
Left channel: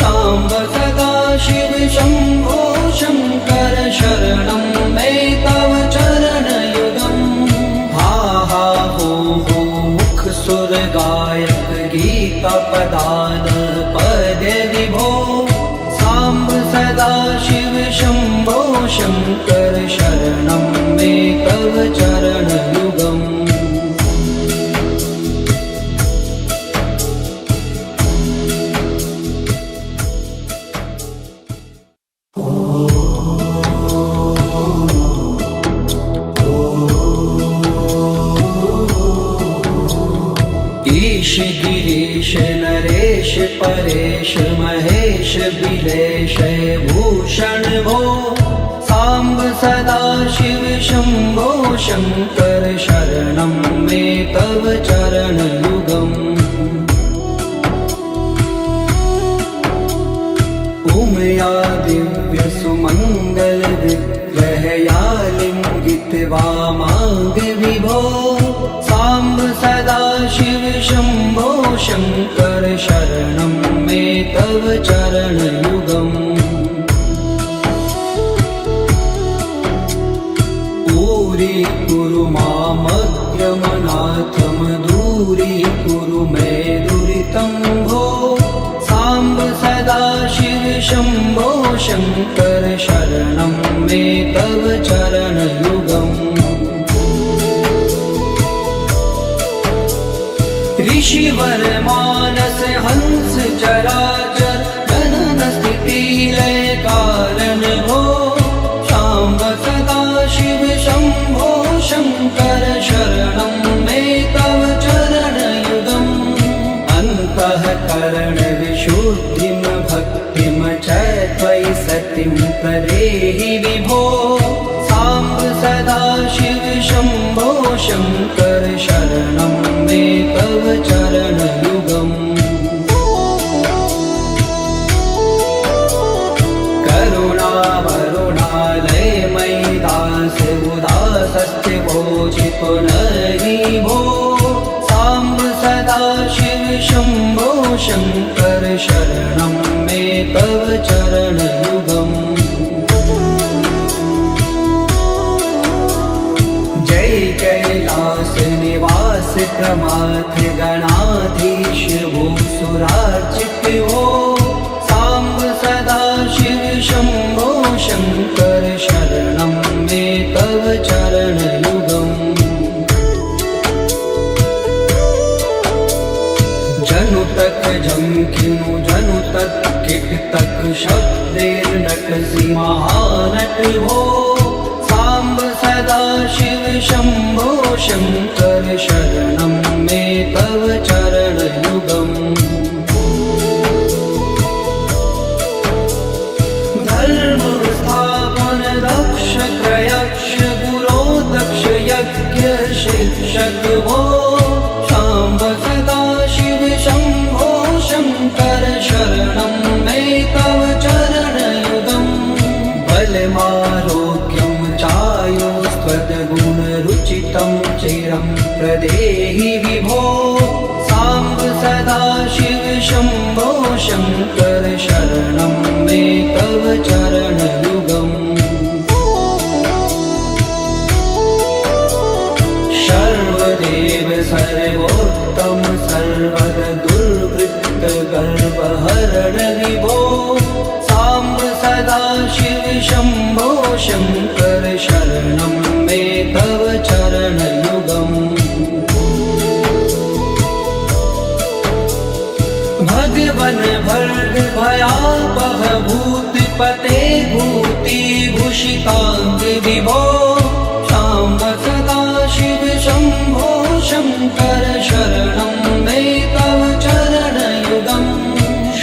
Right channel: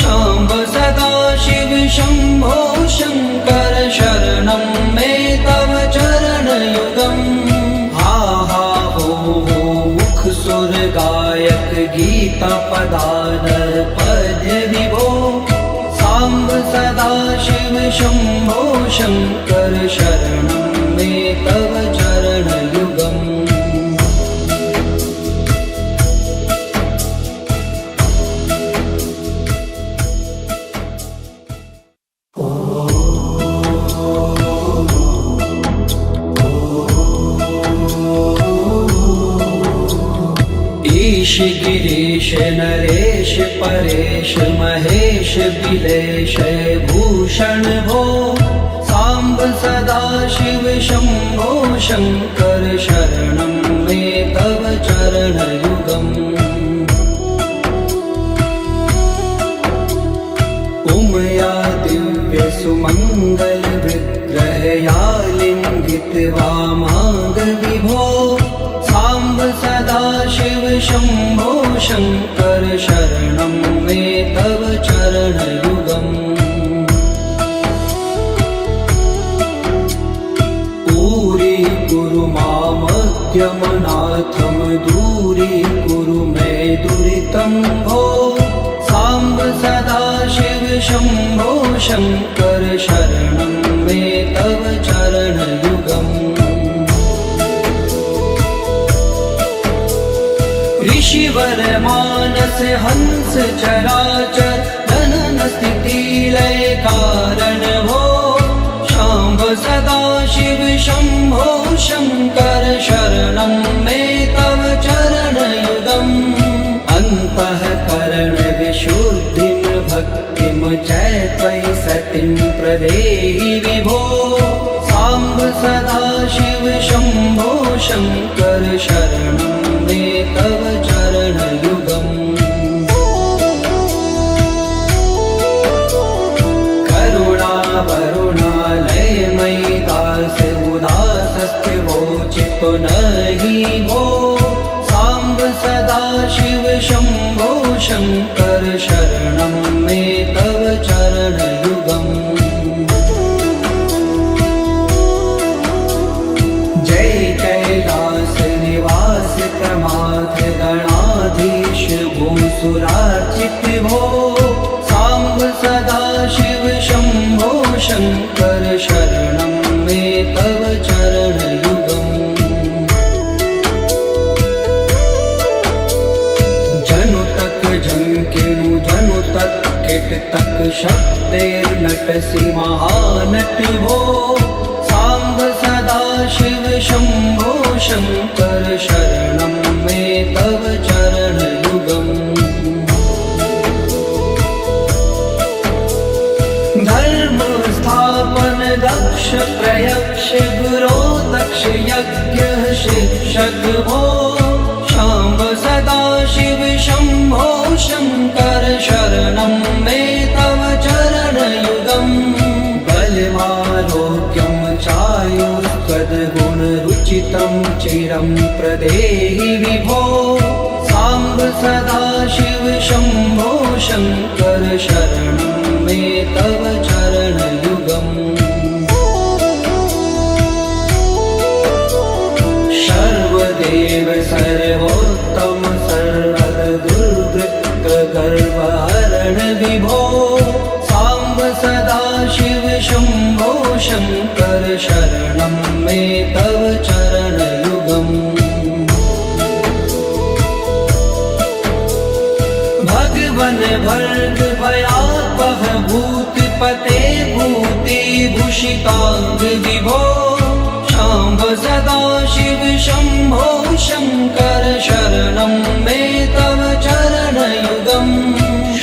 साम्ब सदा शिव शम्भो शङ्कर शरणं मे तव चरणयुगम् हा हा हो मुख सुर गायक गीता पदान पद्य विभो साम्ब सदा शिव शम्भो शङ्कर शरणं मे तव चरणयुगम् ईश गिरीश नरेश परेश महेश बिलेश भूषण भो साम्ब सदा शिव शम्भो शङ्कर शरणं मे तव चरणयुगम् उमया दिव्य सुमङ्गल विग्रहया लिङ्गित वामाङ्ग विभो साम्ब सदा शिव शम्भो शङ्कर शरणं मे तव चरणयुगम् कुरु मामद्यमनाथं दूरीकुरु मे दुरितं भो साम्ब सदा शिव शम्भो शङ्कर शरणं मे तव चरणयुगम् ऋषिवर मानस हंस चराचर जनन स्थिति लय कारण भो शाम्ब सदा शिव शम्भो शङ्कर शरणं मे तव चरणयुगम् अन्तःकरण विशुद्धिं भक्तिं च त्वयि सतिं प्रदेहि विभो साम्ब सदा शिव शम्भो शङ्कर शरणं मे तव चरणयुगम् चित्तो नहि भो साम्ब सदा शिव शम्भो शङ्कर शरणं मे तव चरणयुगम् जय कैलास निवास प्रमाथ गणाधीश भूसुरार्चित भो साम्ब सदा शिव शम्भो शङ्कर शरणं मे तव चरणयुगम् जनु तक झंकिनु जनु तक किट तक शब्देर्नटसि महानट हो साम्ब सदा शिव शम्भो शङ्कर शरणं मे तव चरणयुगम् धर्म स्थापन दक्ष प्रयक्ष गुरो दक्ष यज्ञ शिक्षक भो शाम्ब सदा शिव शम्भो शङ्कर शरणं मे तव चरणयुगम् बलमारोग्यं चायुष्पदगुणरुचितं चिरं प्रदेहि विभो साम्ब सदा शिव शम्भो शङ्कर शरणं मे तव चरणयुगम् सर्वदेव सर्वोत्तम सर्वद दुर्वृत्त गर्वहरण विभो साम्ब सदा शिव शम्भो शङ्कर शरणं मे तव चरणयुगम् भगवन भर्ग भयापह भूतिपते भूतिभूषिताङ्ग विभो शाम्ब सदा शिव शम्भो शङ्कर शरणं मे तव चरणयुगम्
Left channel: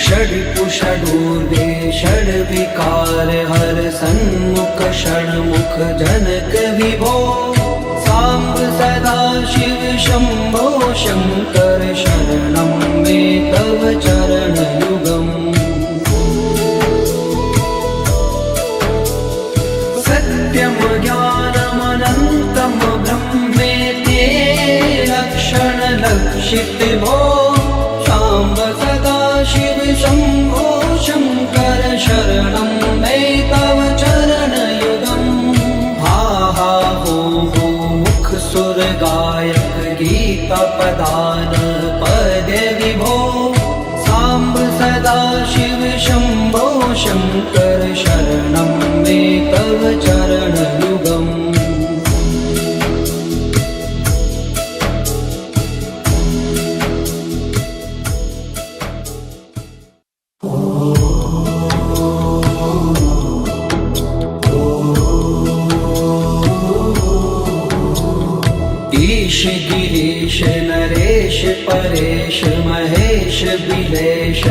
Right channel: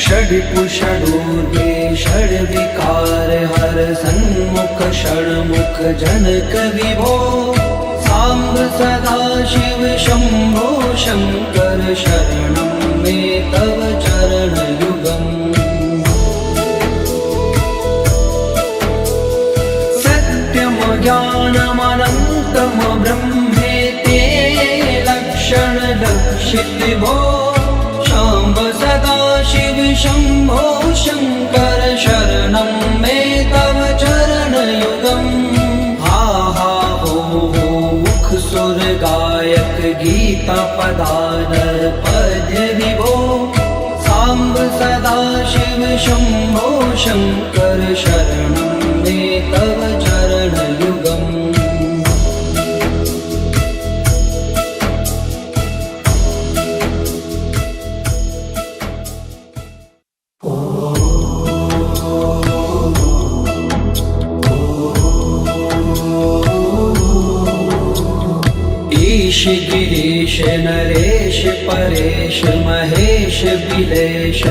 षड्कुषडूर्वे षड्विकार हर सन्मुख षण्मुख जनक विभो साम्ब सदा शिव शम्भो शङ्कर शरणं मे तव चरणयुगम् सत्यं ज्ञानमनन्तं ब्रह्मेति लक्षणलक्षित भो शाम्ब सदा शिव शम्भो शङ्कर शरणं मे तव चरणयुगम् हा हा हो मुख सुर गायक गीता पदान पद्य विभो साम्ब सदा शिव शम्भो शङ्कर शरणं मे तव चरणयुगम् ईश गिरीश नरेश परेश महेश बिलेश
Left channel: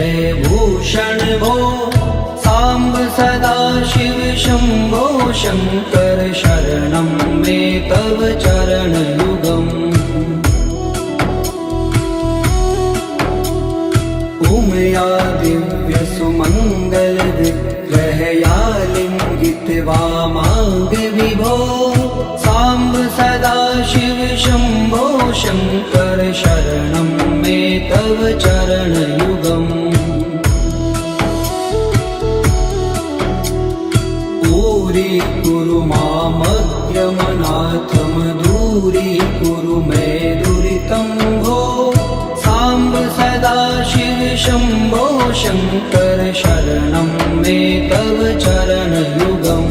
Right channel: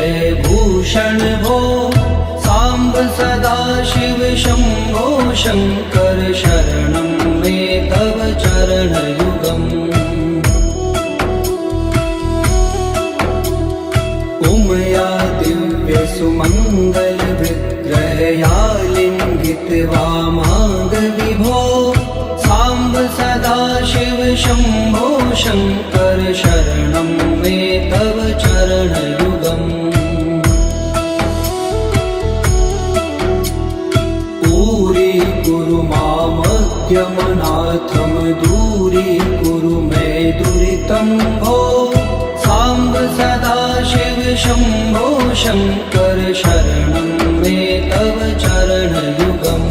भूषण भो साम्ब सदा शिव शम्भो शङ्कर शरणं मे तव चरणयुगम् उमया दिव्य सुमङ्गल विग्रहया लिङ्गित वामाङ्ग विभो साम्ब सदा शिव शम्भो शङ्कर शरणं मे तव चरणयुगम् कुरु मामद्यमनाथं दूरीकुरु मे दुरितं भो साम्ब सदा शिव शम्भो शङ्कर शरणं मे तव चरणयुगम्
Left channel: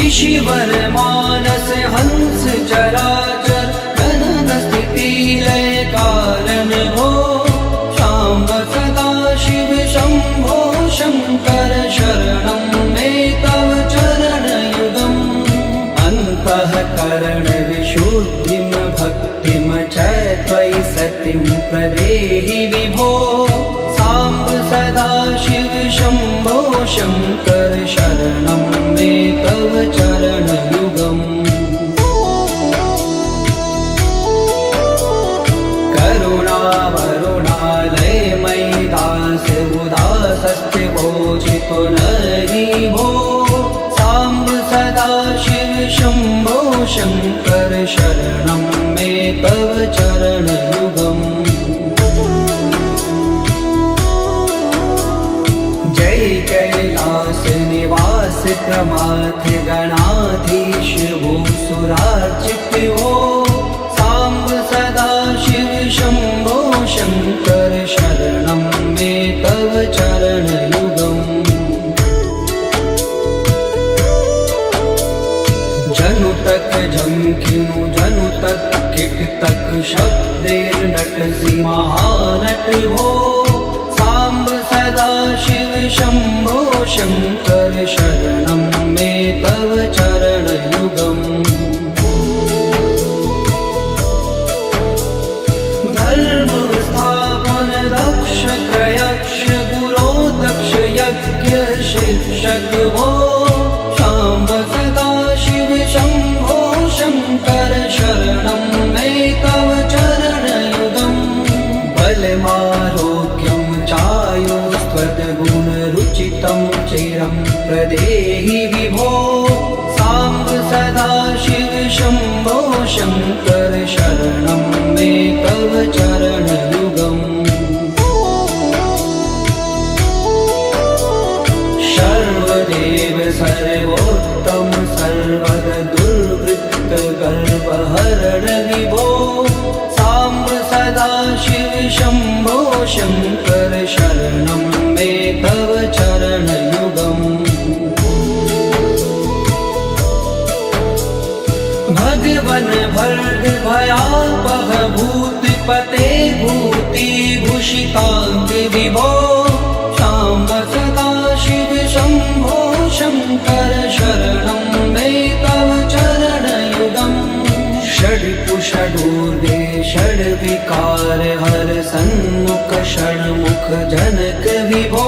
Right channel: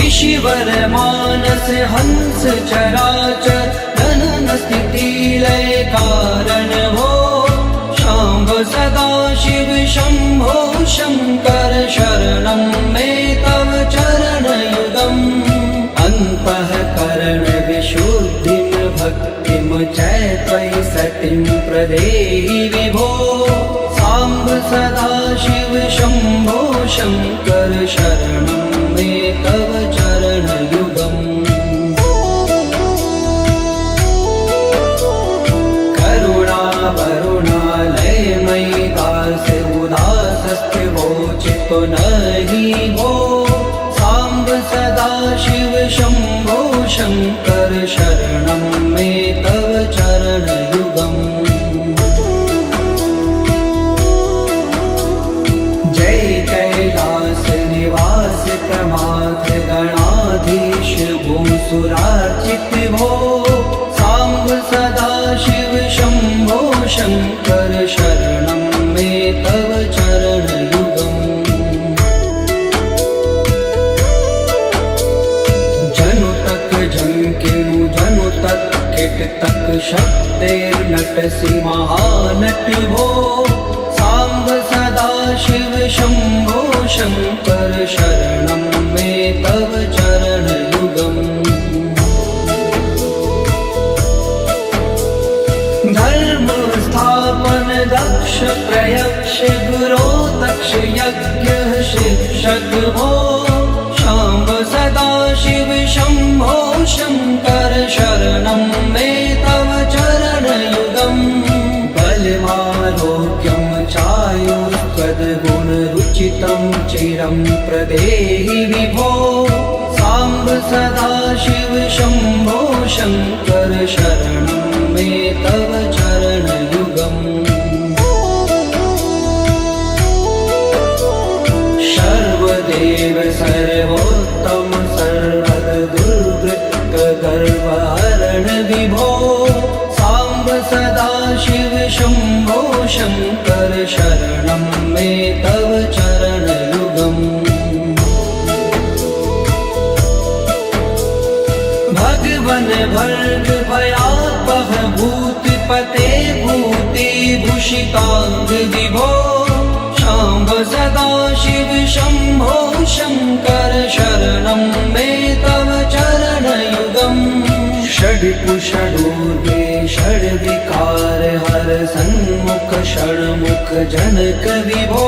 ऋषिवर मानस हंस चराचर जनन स्थिति लय कारण भो शाम्ब सदा शिव शम्भो शङ्कर शरणं मे तव चरणयुगम् अन्तःकरण विशुद्धिं भक्तिं च त्वयि सतिं प्रदेहि विभो साम्ब सदा शिव शम्भो शङ्कर शरणं मे तव चरणयुगम् पुनरि भो साम्ब सदा शिव शम्भो शङ्कर शरणं मे तव चरणयुगम् जय कैलास निवास प्रमाथ गणाधीश भूसुरार्चित भो साम्ब सदा शिव शम्भो शङ्कर शरणं मे तव चरणयुगम् झंकिनु जनु तक किट तक शब्देर्नटसि महानट हो साम्ब सदा शिव शम्भो शङ्कर शरणं मे तव चरणयुगम् धर्म स्थापन दक्ष प्रयक्ष गुरो दक्ष यज्ञ शिक्षक भो शाम्ब सदा शिव शम्भो शङ्कर शरणं मे तव चरणयुगम् बलमारोग्यं चायुष्पदगुणरुचितं चिरं प्रदेहि विभो साम्ब सदा शिव शम्भो शङ्कर शरणं मे तव चरणयुगम् सर्वदेव सर्वोत्तम सर्वद दुर्वृत्त गर्वहरण विभो साम्ब सदा शिव शम्भो शङ्कर शरणं मे तव चरणयुगम् भगवन भर्ग भयापह भूतिपते भूतिभूषिताङ्ग विभो साम्ब सदा शिव शम्भो शङ्कर शरणं मे तव चरणयुगम् षड्कुषडूर्गे षड्विकार हर सन्मुख षण्मुख जनक विभो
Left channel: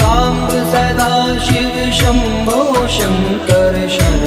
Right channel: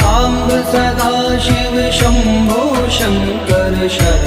साम्ब सदा शिव शम्भो शङ्कर शरणं